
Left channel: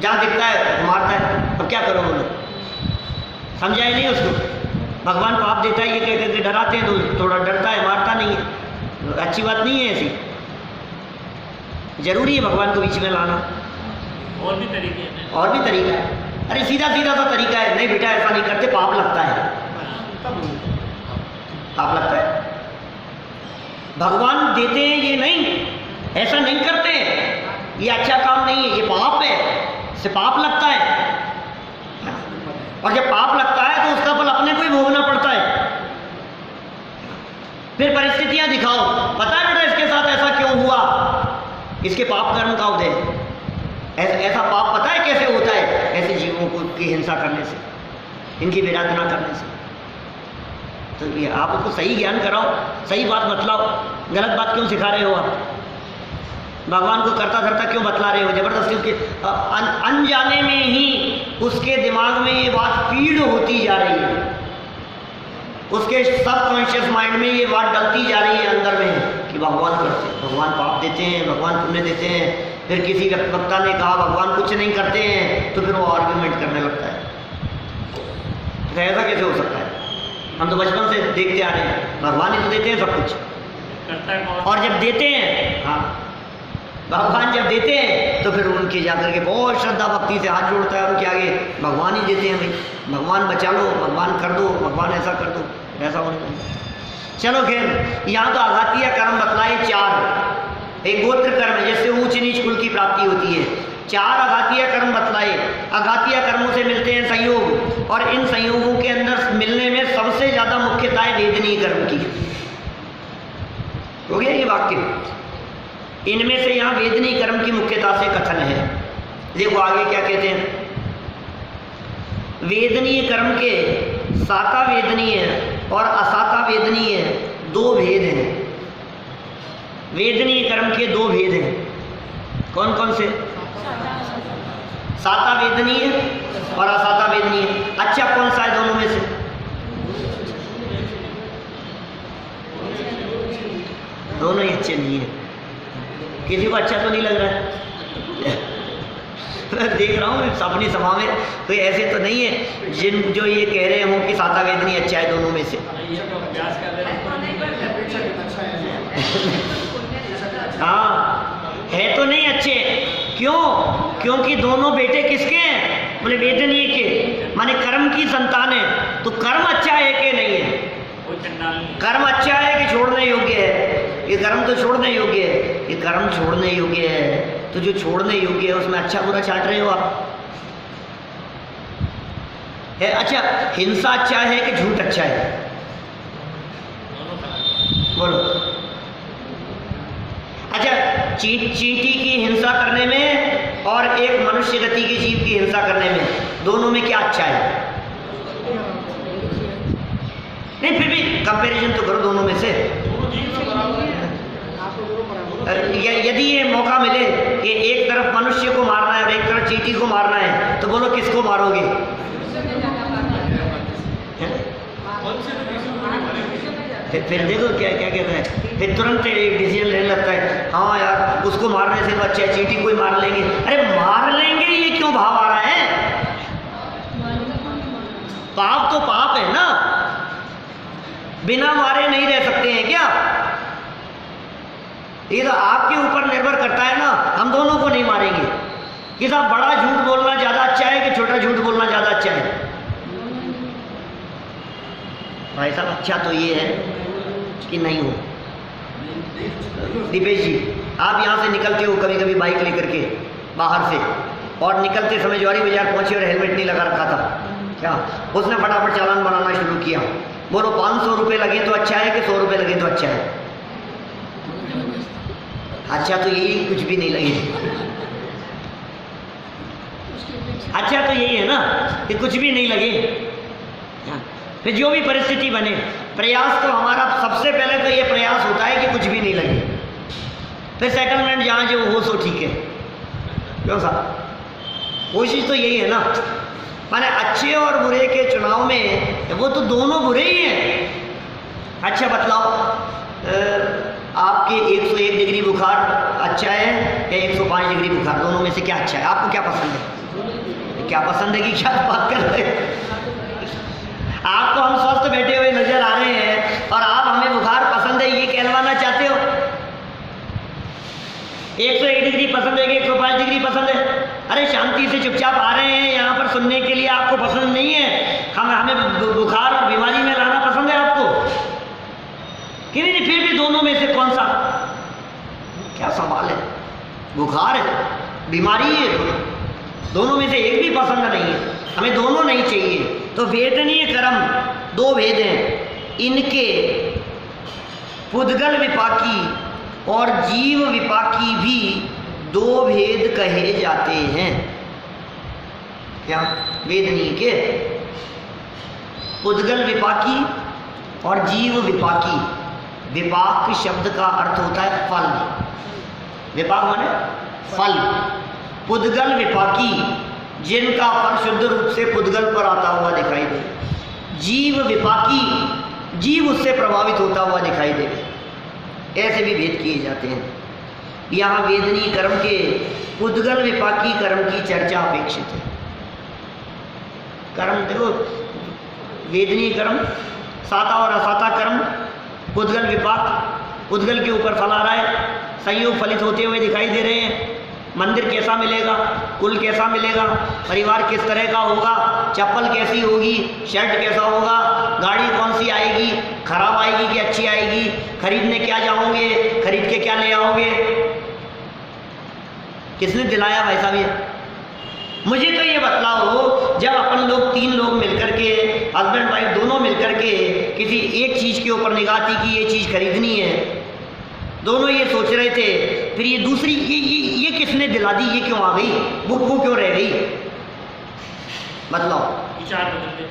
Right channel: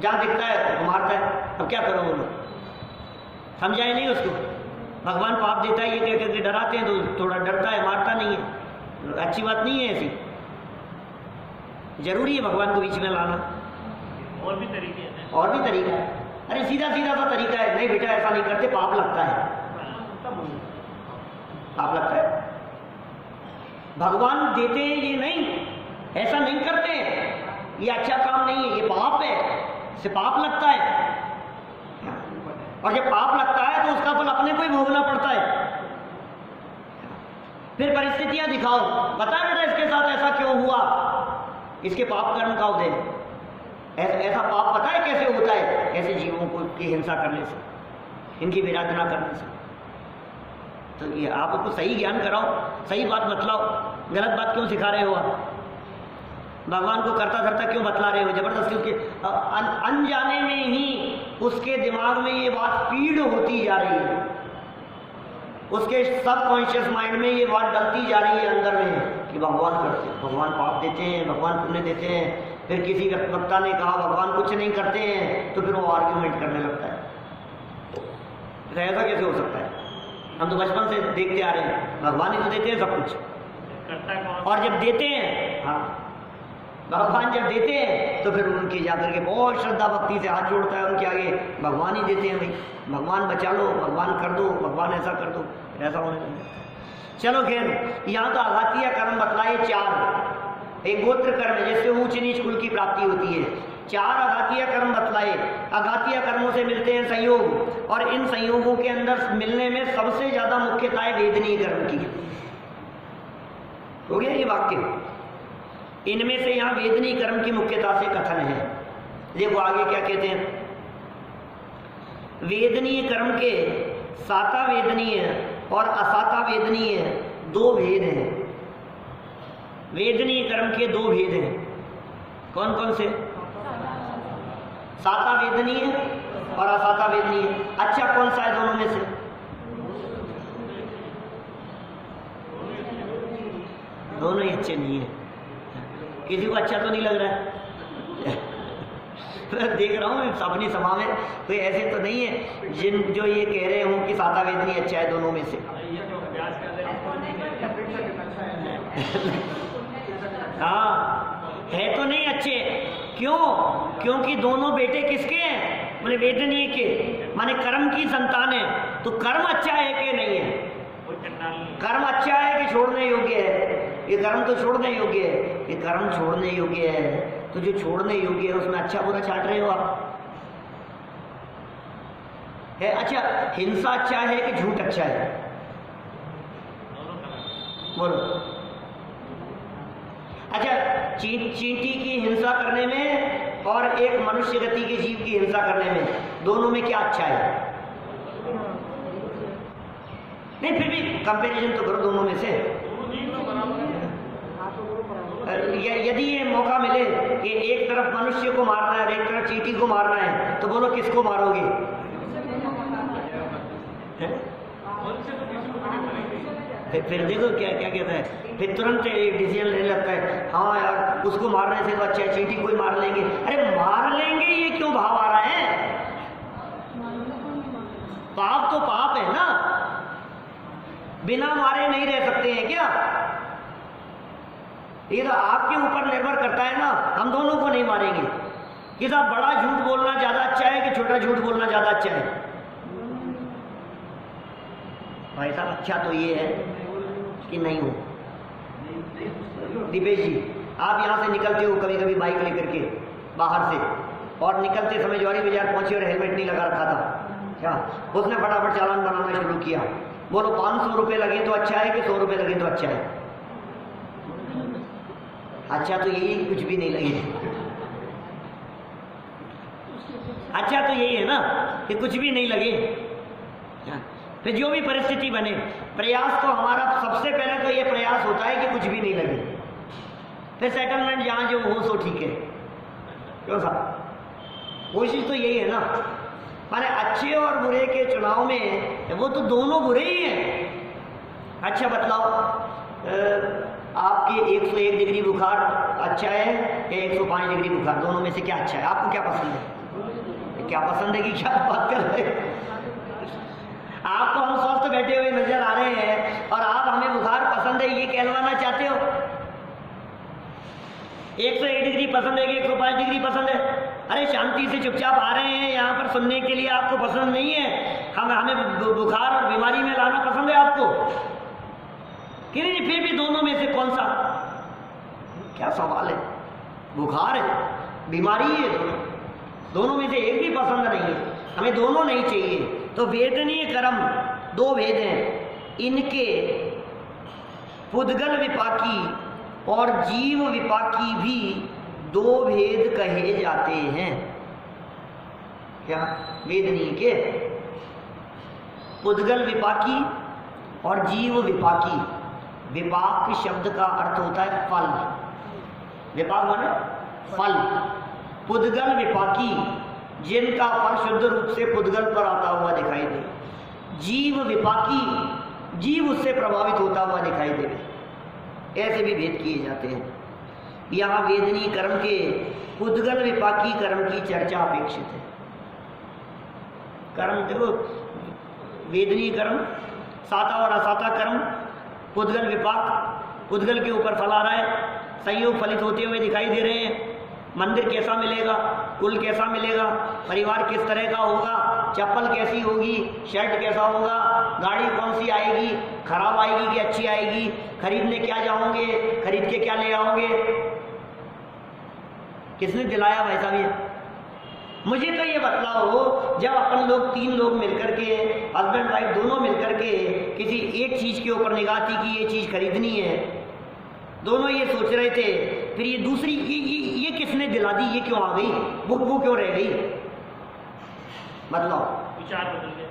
जहाँ दिखता है मारता है, अब क्या करो बोलो? समझाए नहीं उसको। भगवान पाप देता है ये कह करके डराते हैं तो थोड़ा डरता है, मारता नहीं है। अच्छी बात नहीं है ऐसी। जरूरी है भगवान को बीच में लाना। और भी तरीके हैं। और भी तरीका है। अरे सीधा सीधा सा तरीका है, नहीं बेटा ऐसा नहीं करते, पाप लगता है, पाप लगता है। भगवान देते हैं ये नहीं, ऐसा नहीं करते हैं, ये अच्छा काम नहीं है, ये पाप है, इससे पाप लगता है। और जब पाप लगता है तो उसका फल अपने को ही भोगना पड़ता है। फिर परिस्थितियां दिखाओ, पता है बेटा इसके साथ ऐसा क्यों हुआ, इसके पाप कर्म का उदय। ऐसा पाप पता है कैसे होता है? ऐसे जीवों को की हिंसा करने से, इनकी विराधना करने से। तो ये आप उसको सही ज्ञान कराओ, सही बात बतलाओ। गलत बात क्यों सिखा रहे हो आप? भगवान को करता धरता क्यों बतला रहे हो? जबरदस्ती उसके अनजाने में ही उसके दिमाग में ये बात फीड होती जा रही है, उसके सबकॉन्शियस माइंड में ये बात डलती जा रही है अंदर में कि भगवान करते हैं, भगवान पाप देते हैं, भगवान पुण्य देते हैं। फिर किसी वक्ता ने कहा भगवान कुछ नहीं करते हैं, तो फिर वो आर्ग्यूमेंट करने लगता है। तो ऐसा कैसे हो सकता है? हम तो बचपन से देखते आ रहे हैं, भगवान ही तो देते हैं सब कुछ। और जब देते हैं, हाँ, भगवान जब देते हैं तो फिर उनके जाकर के बहुत श्रद्धा भक्ति से हाथ जोड़ता है उनके आगे, भगवान ही देते हैं भाई, भगवान बचा लो, भगवान कर दो, भगवान ऐसा कर दो, ऐसा होने लगा। चलो खैर, यहाँ तो आघातीय कर्म बतलाए 4। एक गोत्र कर्म जिससे ऊंच नीच कुल की प्राप्ति होती है। 4 आघातीय कर्म बतलाए। आघातीय कर्मों से मिलते हैं संयोग, और इन संयोगों के अंदर मिलने में सबसे ज्यादा मुख्यता है वेदनीय कर्म की। हो गया ये वाक्य। इनमें से यहाँ वेदनीय कर्म की मुख्यता से कथन है। देखो आगे क्या कहते हैं। वेदनीय कर्म के साता वेदनीय और असाता वेदनीय 2 भेद हैं। वेदनीय कर्म के 2 भेद हैं। कौन कौन से? साता वेदनीय और असाता वेदनीय। अच्छा कौन सा है दोनों में से? दोनों ही अच्छे नहीं है। किसी को अच्छा तो नहीं लग रहा है? मैं देख रहा हूँ अपनी सभा में कोई ऐसे तो नहीं है जो ये कह रहे हों कि साता वेदनीय अच्छा है दोनों में से। हाँ, है तो नहीं अच्छे। क्यों? क्योंकि दोनों बेटे किसके हैं? बोले वेदनीय के, माने कर्म की संतान है। तो कर्म अच्छा है कि नहीं है? कर्म अच्छा है कि छोड़ने योग्य है? ये कर्म तो छोड़ने योग्य है। ये कर्म छोड़ने योग्य है, तो जो छोड़ने योग्य है उसमें अच्छा बुरा छाट रहे हो आप। है अच्छा, हिंसा अच्छा है कि झूठ अच्छा है? बोलो। अच्छा, चींटी की हिंसा करने में और एक मनुष्य गति के जीव की हिंसा करने में, दोनों में क्या अच्छा है? नहीं, फिर भी कंपैरिजन तो करो दोनों में से। यदि ये मौका मिले कि एक तरफ मनुष्य को मारना है और एक तरफ चींटी को मारना है, तो बोलो किसको मारोगे? फिर देखो क्या क्या कहता है, फिर तुरंत एक डिसीजन लेने लगता है, हाँ यार उसको मारने से तो अच्छा है चींटी को ही मार लेंगे। अरे मार लेंगे ये क्यों भाव आ रहा है? पाप तो पाप है ना, बिना मारे नहीं रह सकते हैं क्या? ये तो आपके ऊपर निर्भर करता है ना। हम दोनों को नहीं मारेंगे कि साहब बड़ा झूठ बोलना ज्यादा अच्छा है कि छोटा झूठ बोलना ज्यादा अच्छा है? भाई साहब अच्छा तो ये है कि नहीं हो। दीपेश जी, आप यहाँ से निकलते हो कभी कभी बाइक लेकर के बाहर से, और निकलते समय ज्वारी बाजार पहुंचे और हेलमेट नहीं लगा रखा था, क्या उसने फटाफट चालान बनाना शुरू किया। बोलो 500 रुपये लगे तो अच्छा है कि 100 रुपये लगे तो अच्छा है? अच्छा तो यही, कुछ भी नहीं लगे। अच्छा तो यही है ना कि कुछ भी नहीं लगे। फिर जो भी परिस्थिति बने, प्रयास तो हमारा सबसे पहले तो ये प्रयास होता है कि कुछ भी नहीं लगे। फिर सेटलमेंट जहाँ जो हो सो ठीक है। क्यों साहब, कोशिश तो यही है ना। माने अच्छे और बुरे के चुनाव में वो तो दोनों बुरे ही हैं। अच्छा बतलाओ, आपके 101 डिग्री बुखार अच्छा है या 105 डिग्री बुखार, दोनों में से क्या अच्छा है? आपको क्या पसंद है? क्या पसंद है कि क्या बात कर रहे हैं? आपको हम स्वस्थ बैठे हुए नजर आ रहे हैं और आप हमें बुखार पसंद है ये कहलवाना चाहते हो? 101 डिग्री पसंद है कि 105 डिग्री पसंद है? अरे शांति से चुपचाप आ रहे हैं यहाँ पर सुनने के लिए, आपको पसंद नहीं है? हमें बुखार और बीमारी में लाना पसंद है आपको कि नहीं? फिर भी दोनों में से कौन सा? क्या सवाल है? बुखार है, बीमारी है, दोनों में से एक भी पसंद नहीं है, हमें दोनों नहीं चाहिए। तो वेदनीय कर्म दो भेद हैं, इनके पुद्गल विपाकी और जीव विपाकी भी दो भेद कहे जाते हैं। क्या? वेदनीय के पुद्गल विपाकी और जीव विपाकी। विपाक शब्द का अर्थ होता है फल, विपाक माने फल। पुद्गल विपाकी, जिनका फल शुद्ध रूप से पुद्गल पर आता हुआ दिखाई दे। जीव विपाकी, जीव उससे प्रभावित होता हुआ दिखाई दे। ऐसे भी भेद किए जाते हैं। यहाँ वेदनीय कर्म के पुद्गल विपाकी कर्म की चर्चा अपेक्षित है। कर्म देखो, वेदनीय कर्म, साता और असाता कर्म, पुद्गल विपाक, पुद्गल के ऊपर फल आ रहा है, संयोग फलित होते हुए दिखाई दे रहे हैं। मंदिर कैसा मिलेगा, कुल कैसा मिलेगा, परिवार किस तरह का होगा, चप्पल कैसी होगी, शर्ट कैसा होगा, गाड़ी कौन सी आएगी, खराब आएगी कि अच्छी आएगी, खरीदने क्या जाओगे, खरीद के क्या ले आओगे, किसने दिलाया भाई साहब ये? मुझे तो ये बतलाओ, जब अपन लोग 3 लोग मिलकर के, हस्बैंड वाइफ दोनों मिलकर के किसी एक चीज़ के ऊपर निगाह थी कि ये चीज़ खरीदनी है, दोनों ये सोच रहे थे, फिर ये दूसरी ये किसने दिला दी, ये क्यों आ गई, वो क्यों रह गई? बताओ। विचार बदलते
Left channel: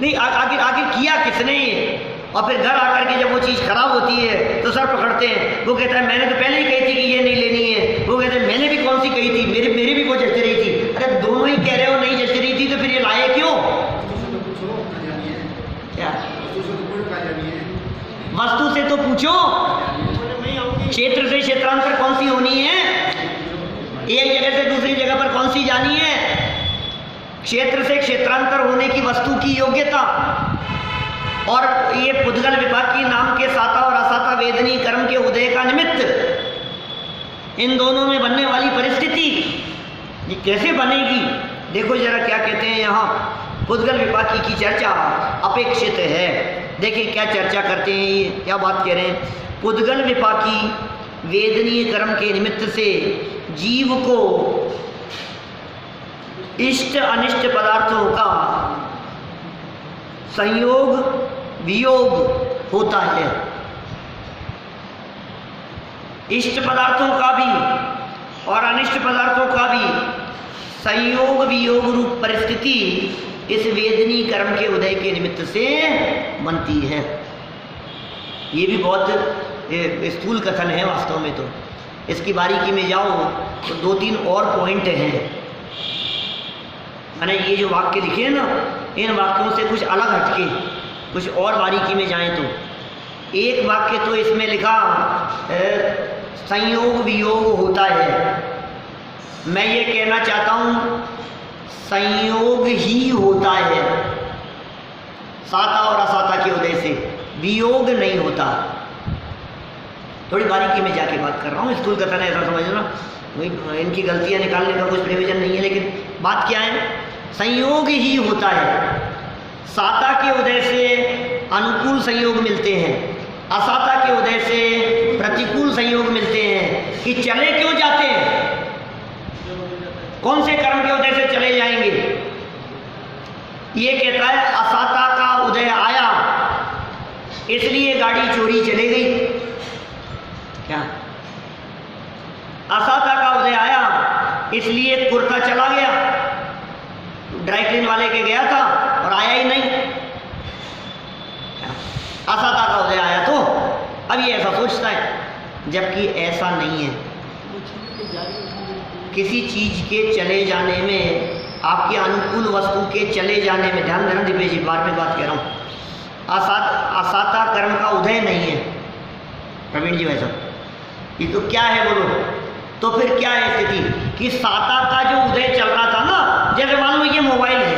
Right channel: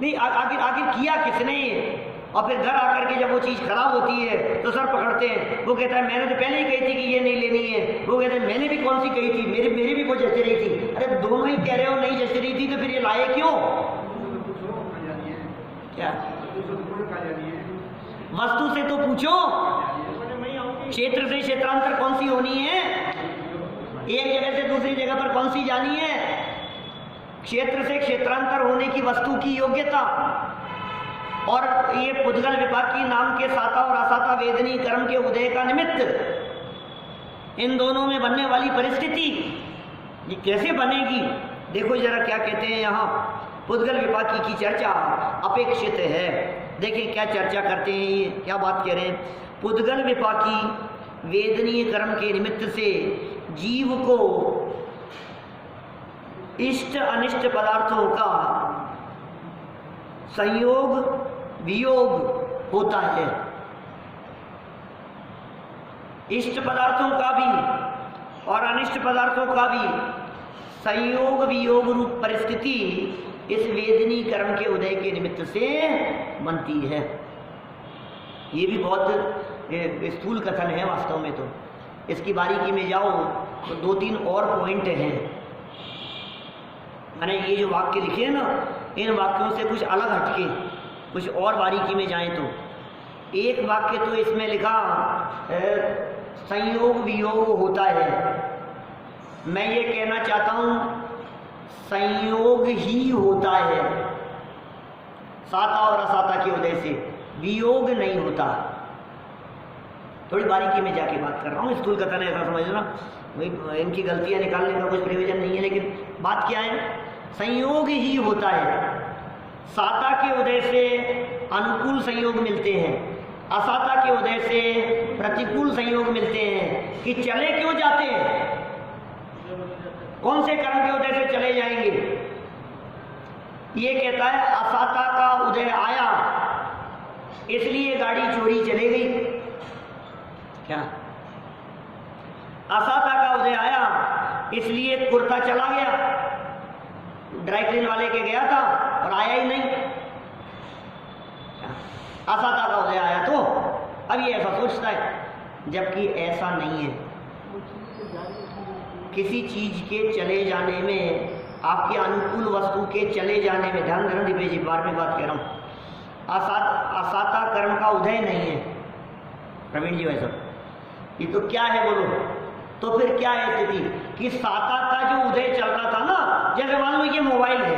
नहीं, आखिर किया किसने ये? और फिर घर आकर के जब वो चीज़ खराब होती है तो सर पकड़ते हैं। वो कहता है मैंने तो पहले ही कही थी कि ये नहीं लेनी है, वो कहते हैं मैंने भी कौन सी कही थी, मेरी भी वो जच रही थी। अरे दोनों ही कह रहे हो नहीं जच रही थी, तो फिर ये लाए क्यों? क्या वस्तु से तो पूछो, क्षेत्र से क्षेत्रांतर कौन सी होनी है, एक जगह से दूसरी जगह पर कौन सी जानी है? क्षेत्र से क्षेत्रांतर होने की वस्तु की योग्यता और ये पुद्गल विपाकी नाम के साता और असाता वेदनीय कर्म के उदय का निमित्त, इन दोनों में बनने वाली परिस्थिति ये कैसे बनेगी? देखो जरा क्या कहते हैं यहाँ, पुद्गल विपाकी की चर्चा अपेक्षित है। देखिए क्या चर्चा करते हैं, ये क्या बात कह रहे हैं। पुद्गल विपाकी वेदनीय कर्म के निमित्त से जीव को इष्ट अनिष्ट पदार्थों का संयोग वियोग होता है। इष्ट पदार्थों का भी और अनिष्ट पदार्थों का भी संयोग वियोग रूप परिस्थिति इस वेदनीय कर्म के उदय के निमित्त से बनती है। ये भी बहुत स्थूल कथन है वास्तव में। तो इसकी बारीकी में जाओ तो 2-3 और पॉइंट हैं। मैंने ये जो वाक्य लिखे हैं ना, इन वाक्यों से कुछ अलग हटके कुछ और बारीकी में जाएं तो एक वाक्य तो इसमें लिखा संयोग वियोग होता है। मैं ये कहना चाहता हूँ संयोग ही होता है, साता और असाता के उदय से वियोग नहीं होता। थोड़ी बारीकी में जाके बात कर रहा हूँ, स्थूल कथन है ऐसा समझना, इनकी गलतियाँ निकालने का कुछ प्रयोजन नहीं है। लेकिन बात क्या है, संयोग ही होता है। साता के उदय से अनुकूल संयोग मिलते हैं, असाता के उदय से प्रतिकूल संयोग मिलते हैं। कि चले क्यों जाते हैं, कौन से कर्म के उदय से चले जाएंगे? ये कहता है असाता का उदय आया इसलिए गाड़ी चोरी चले गई। क्या? असाता का उदय आया इसलिए कुर्ता चला गया, ड्राई क्लीन वाले के गया था और आया ही नहीं। असाता का उदय आया तो अब ये ऐसा सोचता है जबकि ऐसा नहीं है। किसी चीज के चले जाने में, आपके अनुकूल वस्तु के चले जाने में, ध्यान देना दिव्य जी, बार में बात कह रहा हूँ, असाता कर्म का उदय नहीं है। प्रवीण जी वैसा ये तो क्या है बोलो, तो फिर क्या है स्थिति कि साता का जो उदय चल रहा था ना, जैसे मान लो ये मोबाइल है,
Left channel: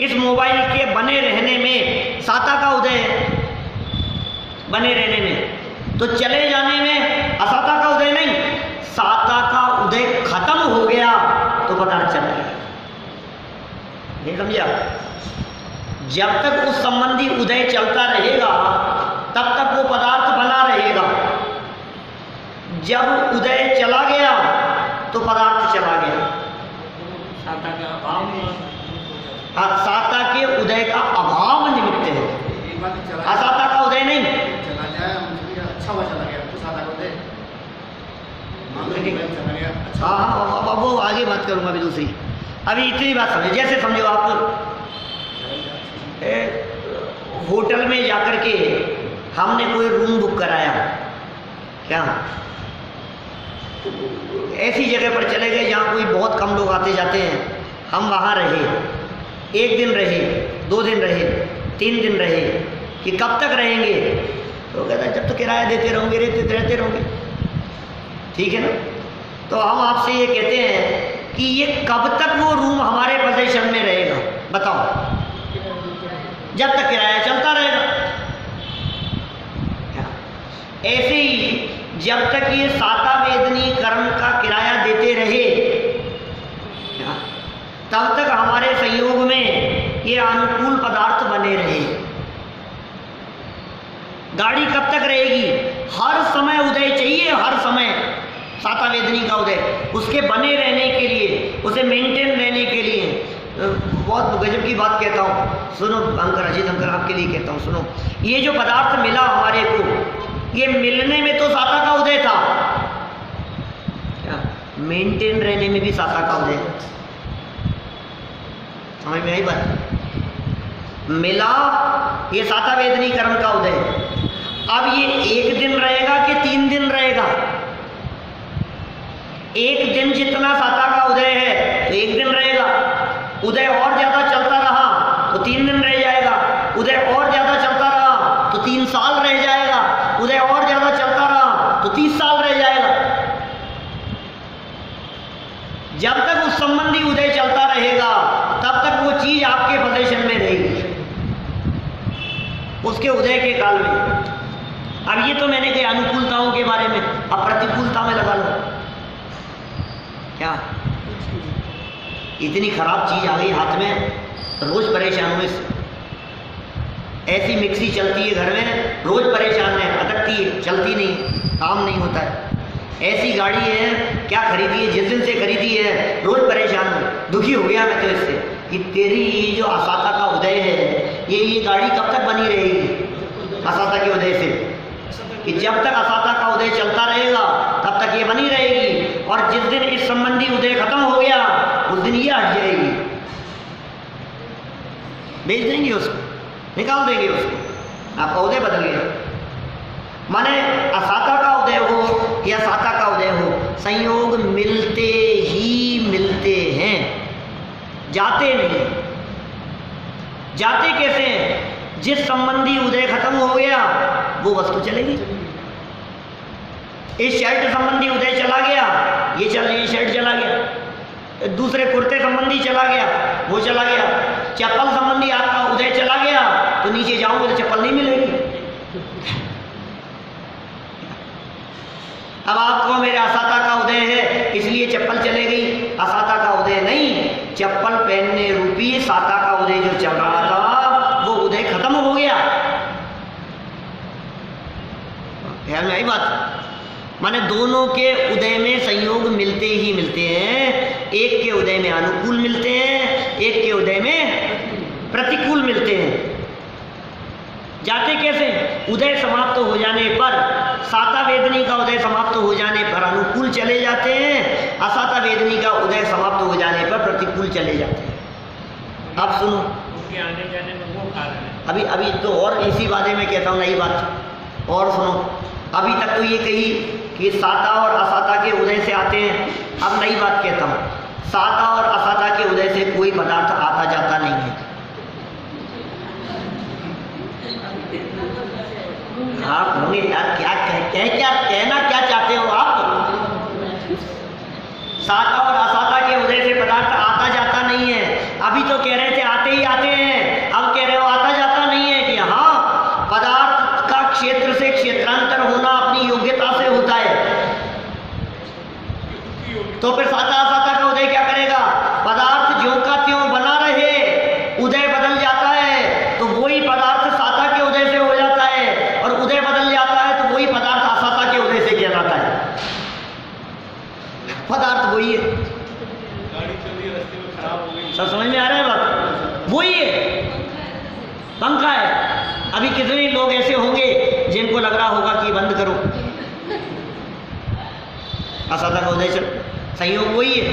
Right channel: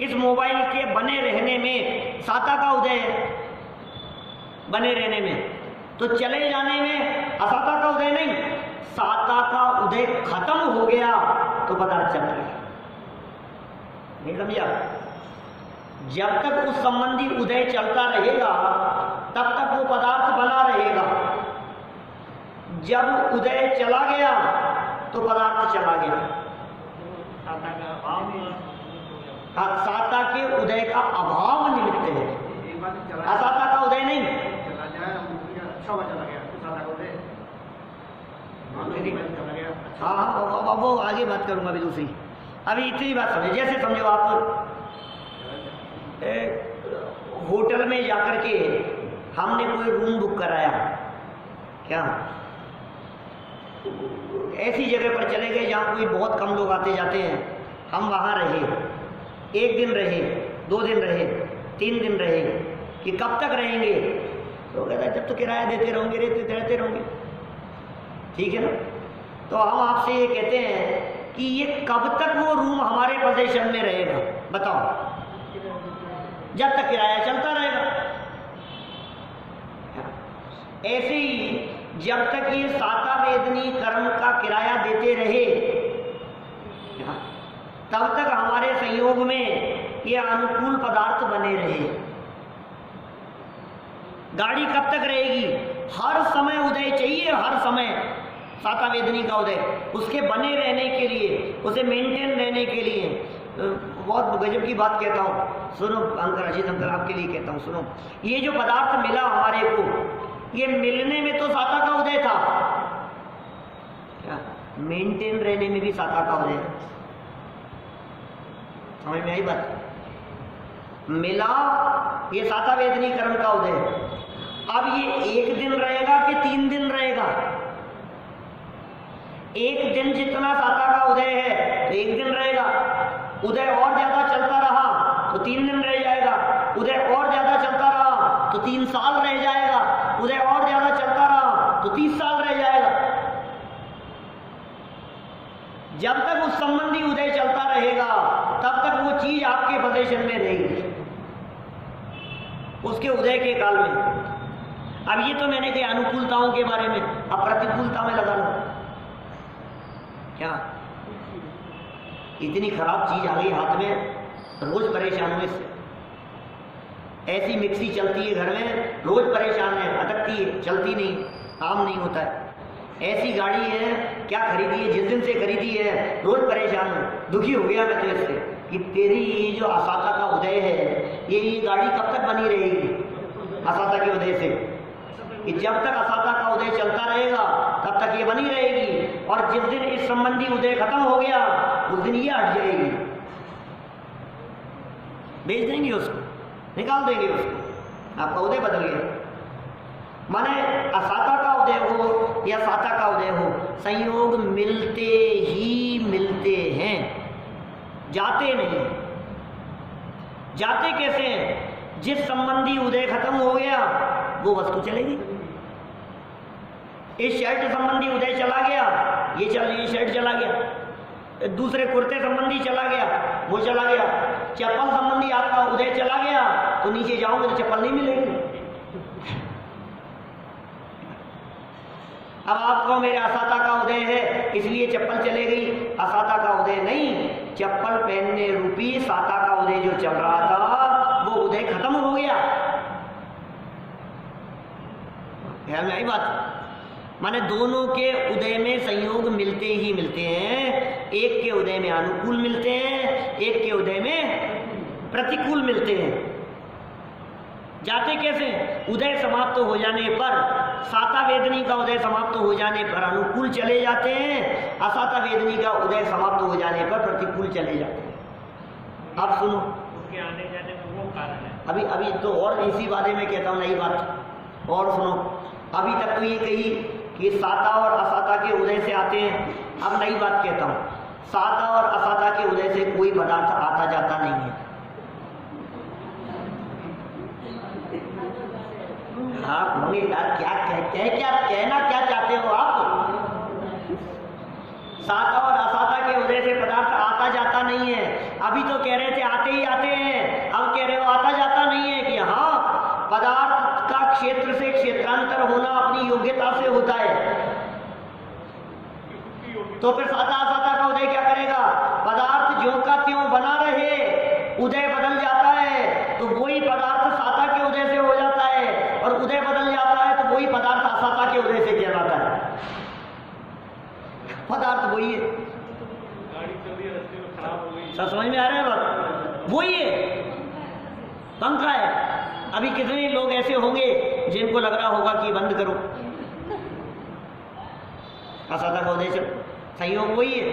इस मोबाइल के बने रहने में साता का उदय है, बने रहने में, तो चले जाने में असाता का उदय नहीं, साता का उदय खत्म हो गया तो पदार्थ चल गया। नहीं समझा? जब तक उस संबंधी उदय चलता रहेगा तब तक वो पदार्थ बना रहेगा। जब उदय चला गया तो पदार्थ चला गया। साता का अभाव, हाँ, साता के उदय का अभाव निमित्त है, एक बात चला असाता का उदय नहीं। चला जाए, अच्छा हुआ चला गया, तो सादा को दे। चला गया, अच्छा। हाँ, अब वो आगे बात करूंगा अभी दूसरी। अभी इतनी बात समझे, जैसे समझो आप होटल में जाकर के हमने कोई रूम बुक कराया, क्या ऐसी जगह पर चले गए जहाँ कोई बहुत कम लोग आते जाते हैं, हम वहाँ रहे, 1 दिन रहे, 2 दिन रहे, 3 दिन रहे, कि कब तक रहेंगे? तो कहता है जब तो किराया देते रहोगे, रहते रहोगे, ठीक है ना। तो हम आपसे ये कहते हैं कि ये कब तक वो रूम हमारे पोजीशन में रहेगा, बताओ? जब तक किराया चलता रहेगा। ऐसे ही जब तक ये साता वेदनी कर्म का किराया देते रहे, तब तक हमारे संयोग में ये अनुकूल पदार्थ बने रहे। गाड़ी कब तक रहेगी? हर समय उदय चाहिए, हर समय साता वेदनी का उदय, उसके बने रहने के लिए, उसे मेंटेन रहने के लिए। बहुत गजब की बात कहता हूँ, सुनो अंकर, अजीत अंकर, आपके लिए कहता हूँ, सुनो। ये जो पदार्थ मिला हमारे को, ये मिलने में तो साता का उदय था, क्या मेंटेन रहने में भी साता का उदय? समझ में आई बात? मिला ये साता वेदनी कर्म का उदय। अब ये 1 दिन रहेगा कि 3 दिन रहेगा? 1 दिन जितना साता का उदय है तो 1 दिन रहेगा। उदय और ज्यादा चलता रहा तो 3 दिन रह जाएगा। उदय और ज्यादा चलता रहा तो 3 साल रह जाएगा। उदय और ज्यादा चलता रहा तो 30 साल रह जाएगा। जब तक उस संबंधी उदय चलता रहेगा तब तक वो चीज आपके पोजीशन में रहेगी, उसके उदय के काल में। अब ये तो मैंने कहा अनुकूलताओं के बारे में, अब प्रतिकूलता में लगा लो। क्या इतनी खराब चीज आ गई हाथ में, रोज परेशान हूं इससे। ऐसी मिक्सी चलती है घर में, रोज परेशान है, अटकती है, चलती नहीं, काम नहीं होता है। ऐसी गाड़ी है, क्या खरीदी है, जिस दिन से खरीदी है रोज परेशान हूँ, दुखी हो गया मैं तो इससे कि तेरी ये जो असाता का उदय है, ये गाड़ी कब तक बनी रहेगी असाता के उदय से? कि जब तक असाता का उदय चलता रहेगा तब तक ये बनी रहेगी, और जिस दिन इस संबंधी उदय खत्म हो गया उस दिन ये हट जाएगी, बेच देंगे उसको, निकाल देंगे उसको, आपका उदय बदल गया। माने असाता का उदय हो या साता का उदय हो, संयोग मिलते ही मिलते हैं, जाते नहीं। जाते कैसे हैं? जिस संबंधी उदय खत्म हो गया वो वस्तु चलेगी। इस शर्ट संबंधी उदय चला गया, ये शर्ट चला गया। दूसरे कुर्ते संबंधी चला गया, वो चला गया। चप्पल संबंधी आपका उदय चला गया तो नीचे जाओगे तो चप्पल नहीं मिलेगी। अब आपको मेरे असाता का उदय है इसलिए चप्पल चले गई, असाता का उदय नहीं, चप्पल पहनने रूपी साता का उदय जो चल रहा था वो उदय खत्म हो गया। ख्याल में आई बात? माने दोनों के उदय में संयोग मिलते ही मिलते हैं। एक के उदय में अनुकूल मिलते हैं, एक के उदय में प्रतिकूल मिलते हैं। जाते कैसे? उदय समाप्त हो जाने पर, साता वेदनी का उदय समाप्त हो जाने पर अनुकूल चले जाते हैं, असाता वेदनी का उदय समाप्त हो जाने पर प्रतिकूल चले जाते हैं। अब सुनो, उनके आने जाने में वो कारण है। अभी तो और इसी बारे में कहता हूँ नई बात, और सुनो। अभी तक तो ये कही कि साता और असाता के उदय से आते हैं। अब नई बात कहता हूँ, साता और असाता के उदय से कोई पदार्थ आता जाता नहीं है। आप होंगे यार, क्या कहना क्या चाहते हो आप? साता और असाता के उदय से पदार्थ आता जाता नहीं है। अभी तो कह रहे थे आते ही आते हैं, अब कह रहे हो आता जाता नहीं है। कि हाँ, पदार्थ का क्षेत्र से क्षेत्रांतर होना अपनी योग्यता से होता है। तो फिर साता असाता का उदय क्या करेगा? पदार्थ ज्यों का त्यों बना रहे, उदय बदल जाता है तो वही पदार्थ साता के उदय से हो जाता है, और उदय बदल जाता है तो वही पदार्थ असाता के उदय से कहलाता है। पदार्थ वही है। गाड़ी चल रही है, रास्ते में खराब हो गई, सब समझ में आ रहा है बात? वही है, पंखा है। अभी कितने लोग ऐसे होंगे जिनको लग रहा होगा कि बंद करो, असाता का उदय चल, संयोग वही है,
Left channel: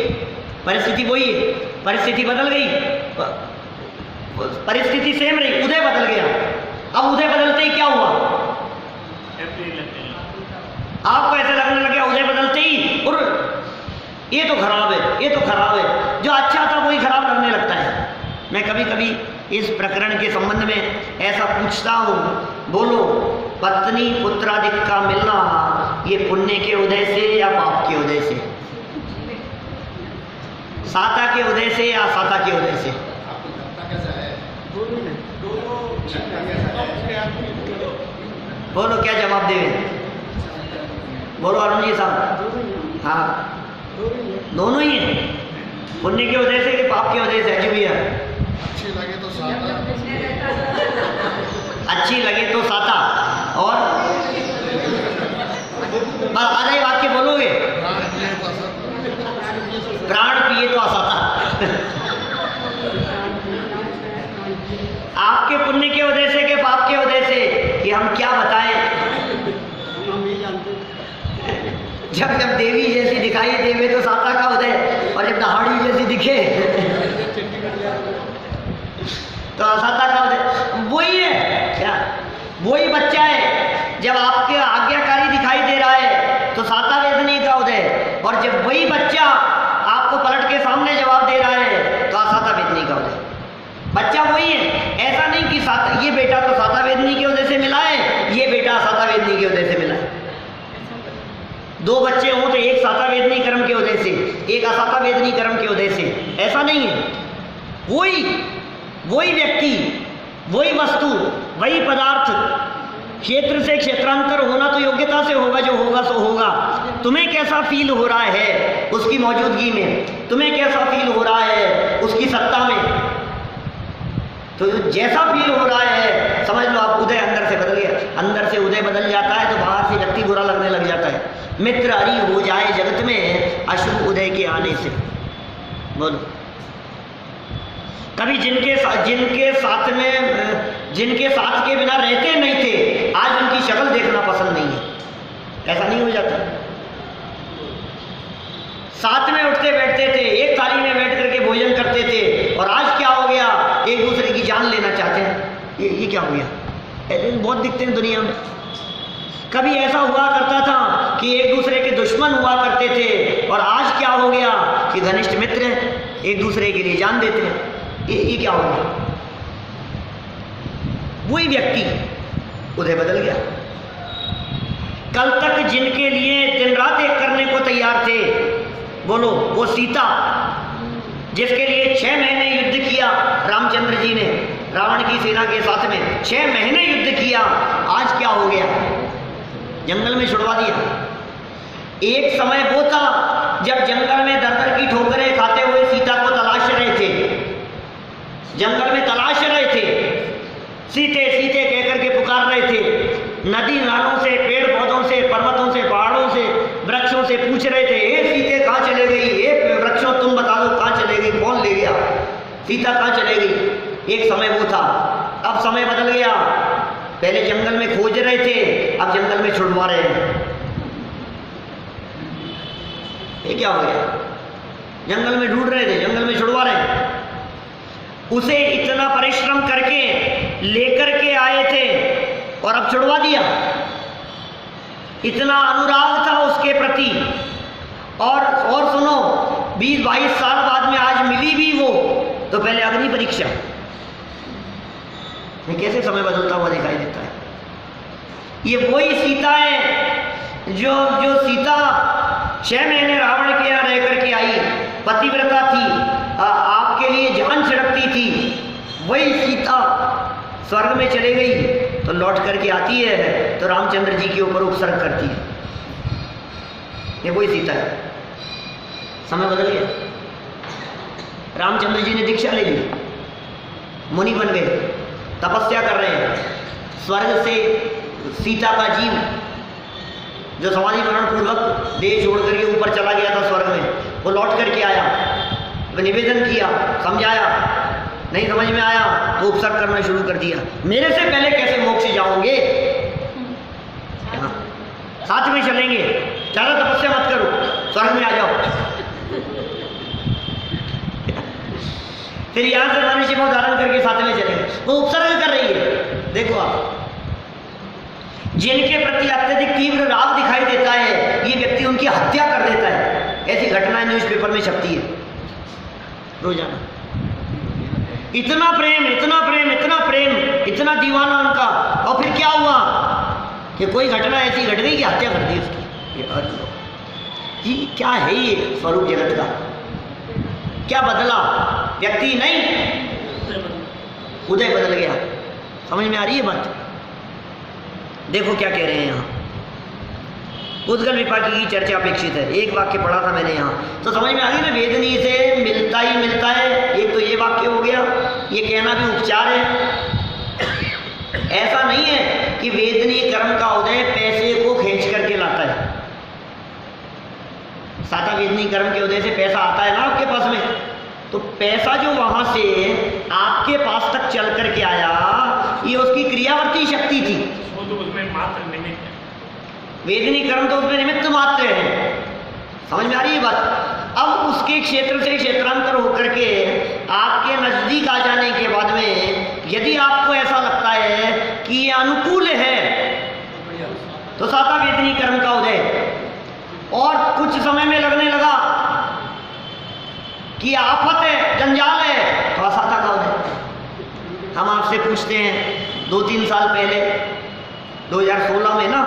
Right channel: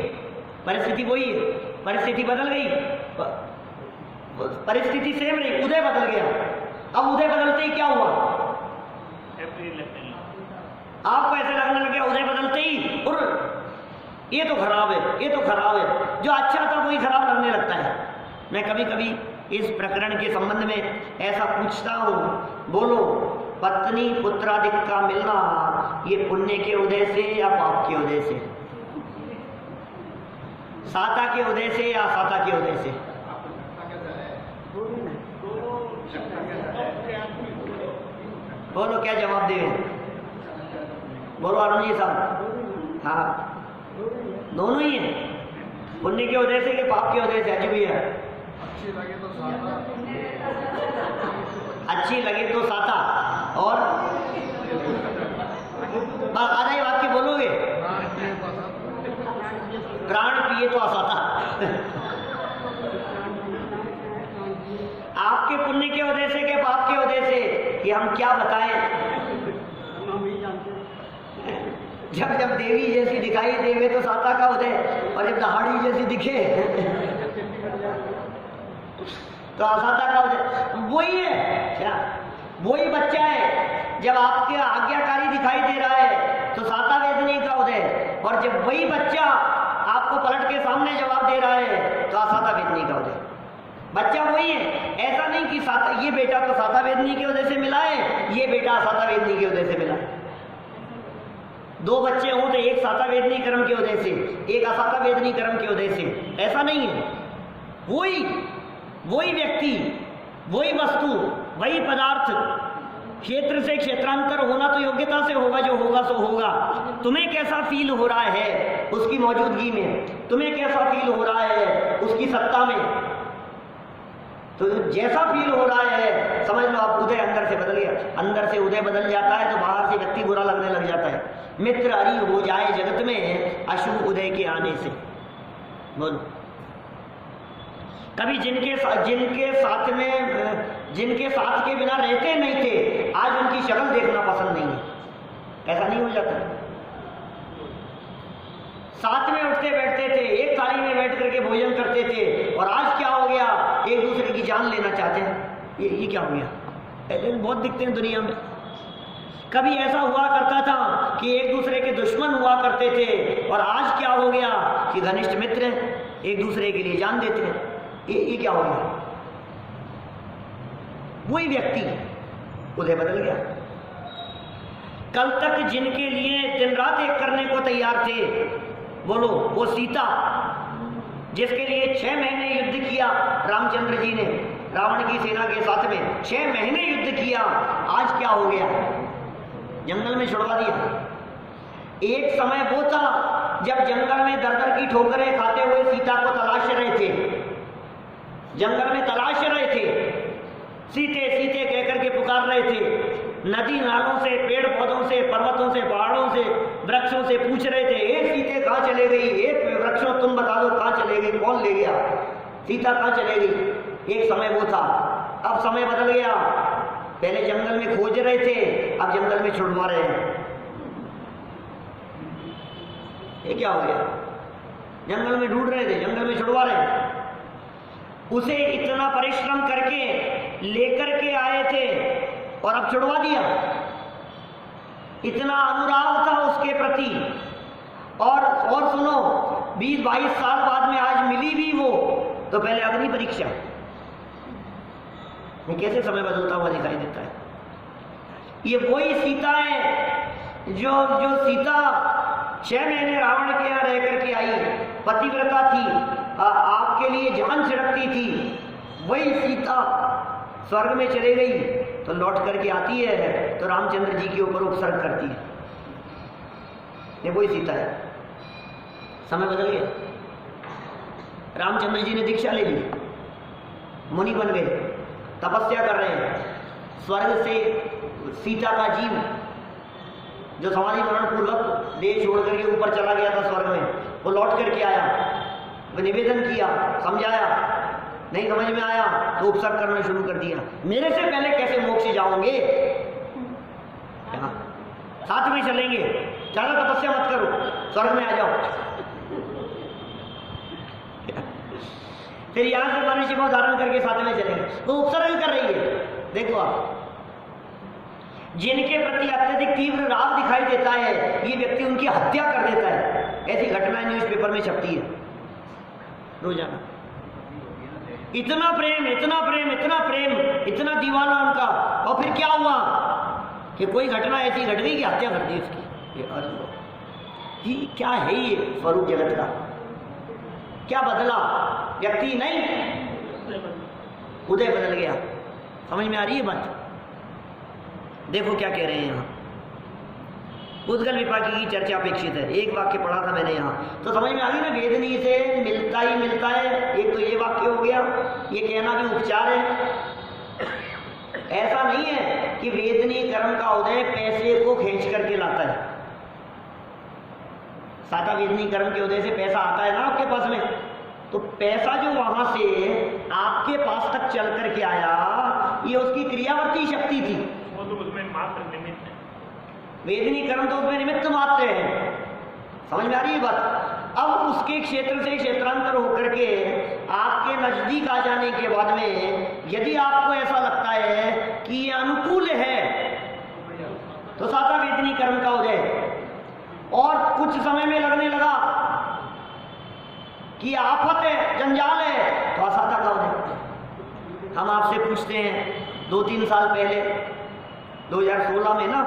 परिस्थिति वही है। परिस्थिति बदल गई, परिस्थिति सेम रही, उदय बदल गया। अब उदय बदलते ही क्या हुआ? आपको ऐसा लगने लग गया उदय बदलते ही, और ये तो खराब है, ये तो खराब है। जो अच्छा था वही खराब लगने लगता है। मैं कभी कभी इस प्रकरण के संबंध में ऐसा पूछता हूँ, बोलो पत्नी पुत्रादिक का मिलना ये पुण्य के उदय से या पाप के उदय से? साता के उदय से या असाता के उदय से? बोलो क्या जवाब देवे? बोलो अरुण जी साहब। हाँ, दोनों ही है। पुण्य के उदय से कि पाप के उदय से? अजी भैया, अच्छी लगे तो साता, अच्छी लगे तो साता, और आधा ही वाक्य बोलोगे, प्राण पिए तो असाता। आपके पुण्य के उदय से के पाप के उदय से, कि हम क्या बताएं? जब जब देवी जैसी दिखाई देवे तो साता का उदय, और जब दहाड़ी जैसी दिखे तो असाता का उदय। वही है क्या? वही बच्चा है, जब आपके आज्ञाकारी दिखाई दे रहा है तो साता वेदनी का उदय, और जब वही बच्चा आपको पलट के सामने जवाब दे रहा है तो असाता वेदनी का उदय। बच्चा वही है, ऐसा नहीं कि साता, ये बेटा तो साता वेदनी के उदय से मिला है, ये बेटा असाता वेदनी के उदय से मिला है। दो बच्चे हों तो एक साता वेदनी कर्म के उदय से, एक असाता वेदनी कर्म के उदय से, ऐसा नहीं है। वही व्यक्ति, वही वस्तु, वही पदार्थ, क्षेत्र से क्षेत्रांतर होना तो योग्यता से होगा, जो होगा सो होगा। तुम्हें कैसा फील हो रहा है उसकी मौजूदगी में, तुम्हें कैसा फील हो रहा है उसकी सत्ता में, तो जैसा फील हो रहा है समझ लो आप उदय अंदर से बदल गया। अंदर से उदय बदल जाता है तो बाहर से व्यक्ति बुरा लगने लग जाता है। मित्र हरि हो जाए जगत में अशुभ उदय के आने से। बोलो, कभी जिनके साथ के बिना रहते नहीं थे, आज उनकी शक्ल देखना पसंद नहीं है। ऐसा नहीं हो जाता? साथ में उठते बैठते थे, एक थाली में बैठ करके भोजन करते थे, और आज क्या हो गया? एक दूसरे की जान लेना चाहते हैं। ये क्या हो गया? ऐसे बहुत दिखते हैं दुनिया में। कभी ऐसा हुआ करता था कि एक दूसरे के दुश्मन हुआ करते थे, और आज क्या हो गया कि घनिष्ठ मित्र हैं, एक दूसरे के लिए जान देते हैं। ये क्या हो गया? वही व्यक्ति, उदय बदल गया। कल तक जिनके लिए दिन रात एक करने को तैयार थे, बोलो वो सीता, जिसके लिए 6 महीने युद्ध किया रामचंद्र जी ने रावण की सेना के साथ में, 6 महीने युद्ध किया, आज क्या हो गया? जंगल में छुड़वा दिया। एक समय वो था जब जंगल में दर दर की ठोकरें खाते हुए सीता को तलाश रहे थे, जंगल में तलाश रहे थे, सीते सीते कहकर के पुकार रहे थे। नदी नालों से, पेड़ पौधों से, पर्वतों से, पहाड़ों से, वृक्षों से पूछ रहे थे, ए सीते कहाँ चले गई? ए वृक्षों तुम बता दो कहाँ चले गई? कौन ले गया? सीता कहाँ चले गई? एक समय वो था, अब समय बदल गया। पहले जंगल में खोज रहे थे, अब जंगल में छुड़वा रहे हैं। ये क्या हो गया? जंगल में ढूंढ रहे थे, जंगल में छुड़वा रहे हैं। उसे इतना परिश्रम करके लेकर के आए थे और अब छुड़वा दिया। इतना अनुराग था उसके प्रति। और सुनो, 20-22 साल बाद में आज मिली भी वो, तो पहले अग्नि परीक्षा। ये कैसे समय बदलता हुआ दिखाई देता है। ये वही सीता है जो सीता 6 महीने रावण के यहाँ रह करके आई, पतिव्रता थी, आपके लिए जान छिड़कती थी। वही सीता स्वर्ग में चले गई तो लौट करके आती है तो रामचंद्र जी के ऊपर उपसर्ग करती है। ये वही सीता है। समय बदल गया। रामचंद्र जी ने दीक्षा ले ली, मुनि बन गए, तपस्या कर रहे हैं। स्वर्ग से सीता का जीव जो समाधि मरण पूर्वक देह छोड़ करके ऊपर चला गया था स्वर्ग में, वो लौट करके आया, वो निवेदन किया, समझाया, नहीं समझ में आया तो उपसर्ग करना शुरू कर दिया। मेरे से पहले कैसे मोक्ष जाओगे, साथ में चलेंगे, ज़्यादा तपस्या मत करो, स्वर्ग में आ जाओ। फिर यहां से मनुष्य को धारण करके साथ में चलेंगे, वो उपसर्ग कर रही है। देखो आप, जिनके प्रति अत्यधिक तीव्र राग दिखाई देता है, ये व्यक्ति उनकी हत्या कर देता है। ऐसी घटनाएं न्यूज़पेपर में छपती है रोजाना। इतना प्रेम, इतना प्रेम, इतना प्रेम, इतना दीवाना उनका। और फिर क्या हुआ कि कोई घटना ऐसी घट गई कि हत्या कर दी उसकी। ये क्या है ये स्वरूप जगत का? क्या बदला? व्यक्ति नहीं, उदय बदल गया। समझ में आ रही है बात? देखो क्या कह रहे हैं यहाँ। उद्गल विपाकी की चर्चा अपेक्षित है। एक वाक्य पढ़ा था मैंने यहाँ, तो समझ में आ गई ना, वेदनी से मिलता ही मिलता है। एक तो ये वाक्य हो गया, ये कहना भी उपचार है। ऐसा नहीं है कि वेदनी कर्म का उदय पैसे को खींच करके लाता है। साता वेदनी कर्म के उदय से पैसा आता है ना आपके पास में, तो पैसा जो वहां से आपके पास तक चल करके आया, ये उसकी क्रियावर्ती शक्ति थी। वेदनी कर्म तो उसमें निमित्त मात्र है। समझ में आ रही है बात? अब उसके क्षेत्र से क्षेत्रांतर होकर के आपके नजदीक आ जाने के बाद में यदि आपको ऐसा लगता है कि ये अनुकूल है, तो साता वेदनी कर्म का उदय। और कुछ समय में लगने लगा कि आफत है, जंजाल है, तो असाता का उदय। हम आपसे पूछते हैं, 2-3 साल पहले 2016 में ना,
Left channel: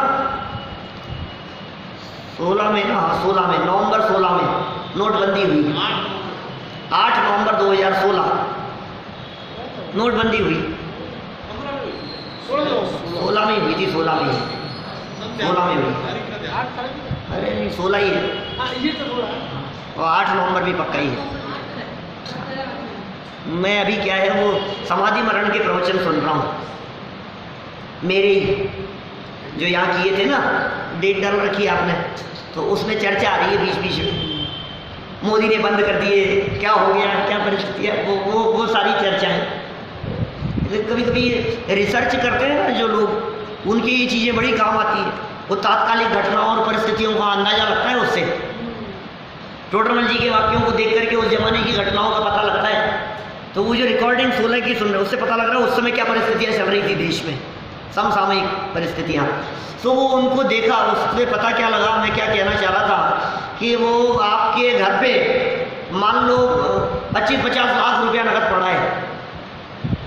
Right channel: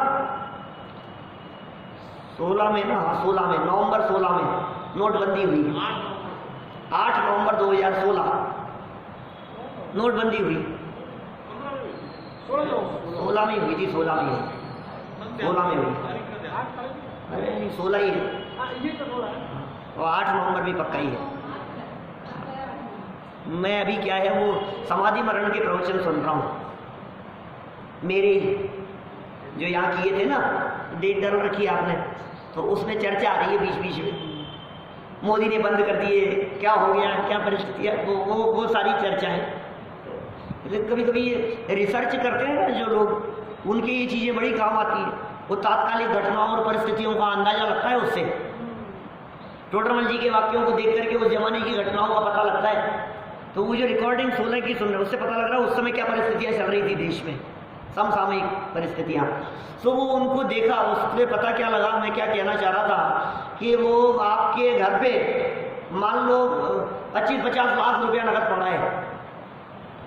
16 में नवंबर 16 में नोटबंदी हुई। 8 नवंबर 2016 नोटबंदी हुई। 16 में हुई थी, 16 में हुई। अरे नहीं, 16 ही है, और 8 नवंबर भी पक्का ही है। मैं अभी क्या है वो समाधि मरण के प्रवचन सुन रहा हूँ, मेरे ही जो यहाँ किए थे ना, डेट डाल रखी आपने, तो उसमें चर्चा आ रही है बीच बीच में। मोदी ने बंद कर दिए, क्या हो गया, क्या परिस्थिति है, वो सारी चर्चा है। कभी कभी रिसर्च करते हैं ना जो लोग, उनकी ये चीज़ें बड़ी काम आती है। वो तात्कालिक घटनाओं और परिस्थितियों का अंदाजा लगता है उससे। टोडरमल जी के वाक्यों को देख करके उस जमाने की घटनाओं का पता लगता है। तो वो जो रिकॉर्डिंग 16 की सुन रहे हैं, उससे पता लग रहा है उस समय क्या परिस्थितियाँ चल रही थी देश में, समसामयिक परिस्थितियाँ। तो वो उनको देखा, उससे पता क्या लगा, मैं क्या कहना चाह रहा था कि वो आपके घर पे मान लो 25-50 लाख रुपया नकद पड़ा है,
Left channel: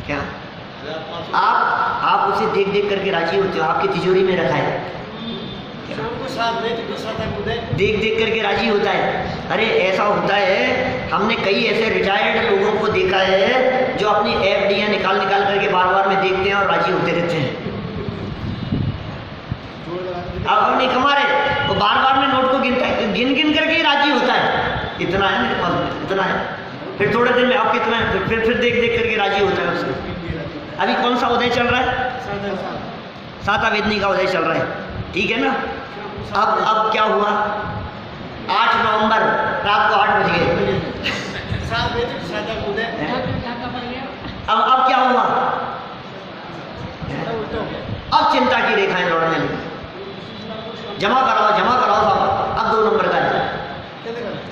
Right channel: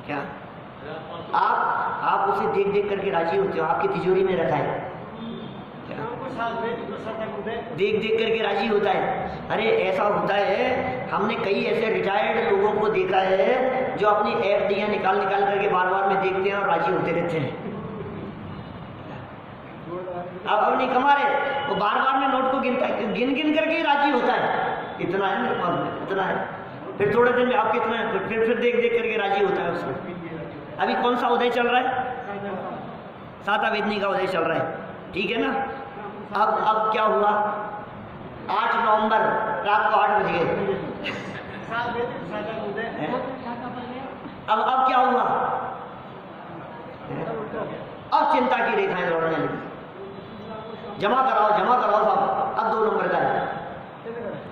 क्या आप उसे देख देख करके राजी होते हो? आपकी तिजोरी में रखा है, देख देख करके राजी होता है? अरे ऐसा होता है, हमने कई ऐसे रिटायर्ड लोगों को देखा है जो अपनी एफडीयां निकाल करके बार में देखते हैं और राजी होते रहते हैं। अब नहीं कमा रहे, वो बार में नोट को गिनता है, गिन करके ही राजी होता है। इतना है मेरे पास में, इतना है, फिर थोड़े दिन में आप कितना है, फिर देख करके राजी होता है उसको। अभी कौन सा उदय चल रहा है? साता वेदनी का उदय चल रहा है, ठीक है ना। अब क्या हुआ? 8 नवंबर रात को 8 बज गए। अब क्या हुआ? अब चिंता की रेखाएं दौड़ने लगी। जमा कराओ साहब, अब 2 नंबर का है।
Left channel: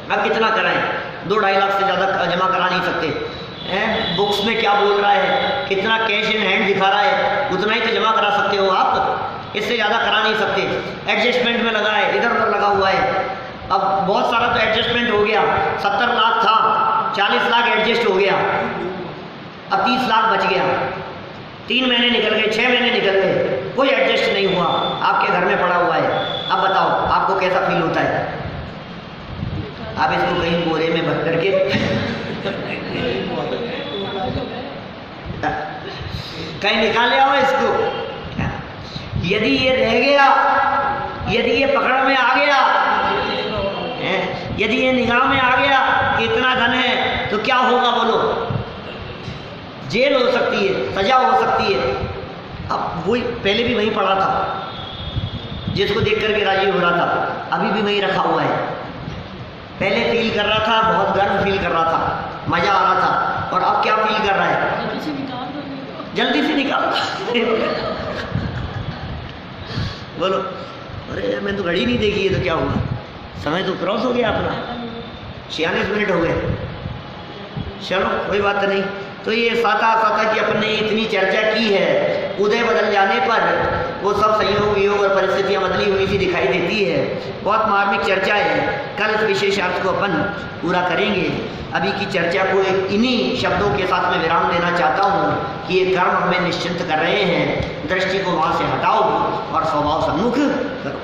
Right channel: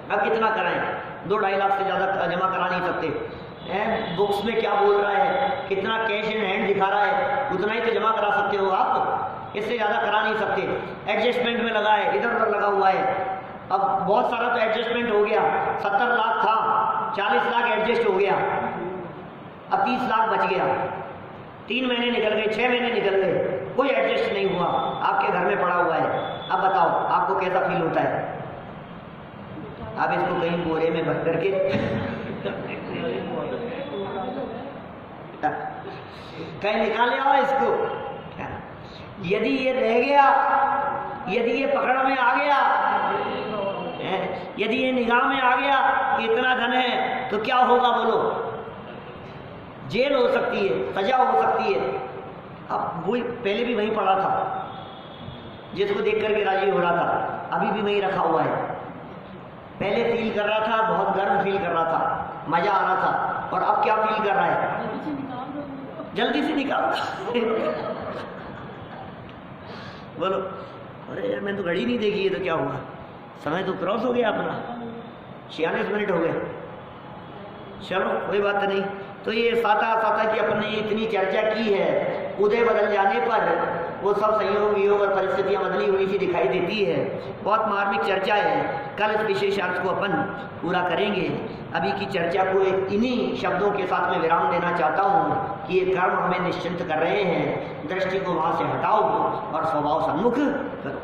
अब कितना कराएं? 2-2.5 लाख से ज़्यादा जमा करा नहीं सकते। बुक्स में क्या बोल रहा है, कितना कैश इन हैंड दिखा रहा है, उतना ही तो जमा करा सकते हो आप। इससे ज़्यादा करा नहीं सकते। एडजस्टमेंट में लगा है, इधर उधर लगा हुआ है। अब बहुत सारा तो एडजस्टमेंट हो गया, 70 लाख था, 40 लाख एडजस्ट हो गया, अब 30 लाख बच गया। 3 महीने निकल गए, 6 महीने निकल गए, कोई एडजस्ट नहीं हुआ, आपके घर में पड़ा हुआ है। अब बताओ आपको कैसा फील होता है? आप इसको कहीं बोरे में भर करके कहीं निकाल ले आओ इसको। यदि ये रह गया, यदि ये पकड़ में आ गया, यदि ये निगाह में आ गया कि इतना धन है, तो क्या होगा बोलो? जेल हो सकती है, सजा हो सकती है। अब वही पहले भी वहीं पड़ा था, जिसको देख करके राजी हो रहा था, अभी भी वहीं रखा हुआ है। पहले फील कर रहा था, बहुत गर्व फील कर रहा था, मजा आ रहा था, और अब क्या फील कर रहा है? जल्दी से निकाल बोलो, अरे मैं तो घड़ी नहीं देखी है, तो क्या हुआ? समय तो क्रॉस हो गया अपना, 46 मिनट हो गए। चलो कोई बात नहीं। तो ये साता की अपन ने इतनी चर्चा की है, उदय बदल जाने पर वो सब संयोग वियोग और परिस्थितियाँ बदली हुई सी दिखाई देती है। बहुत मार्मिक चर्चा है, कल इस विशेष अर्थ को अपन पूरा करेंगे। अभी की चर्चा को एक इन्हीं शब्दों के साथ में विराम देना चाहता हूँ कि ये कर्म हमें निश्चिंत कर रहे हैं, दृष्टि को वहाँ से हटाओ और स्वभाव सम्मुख करो।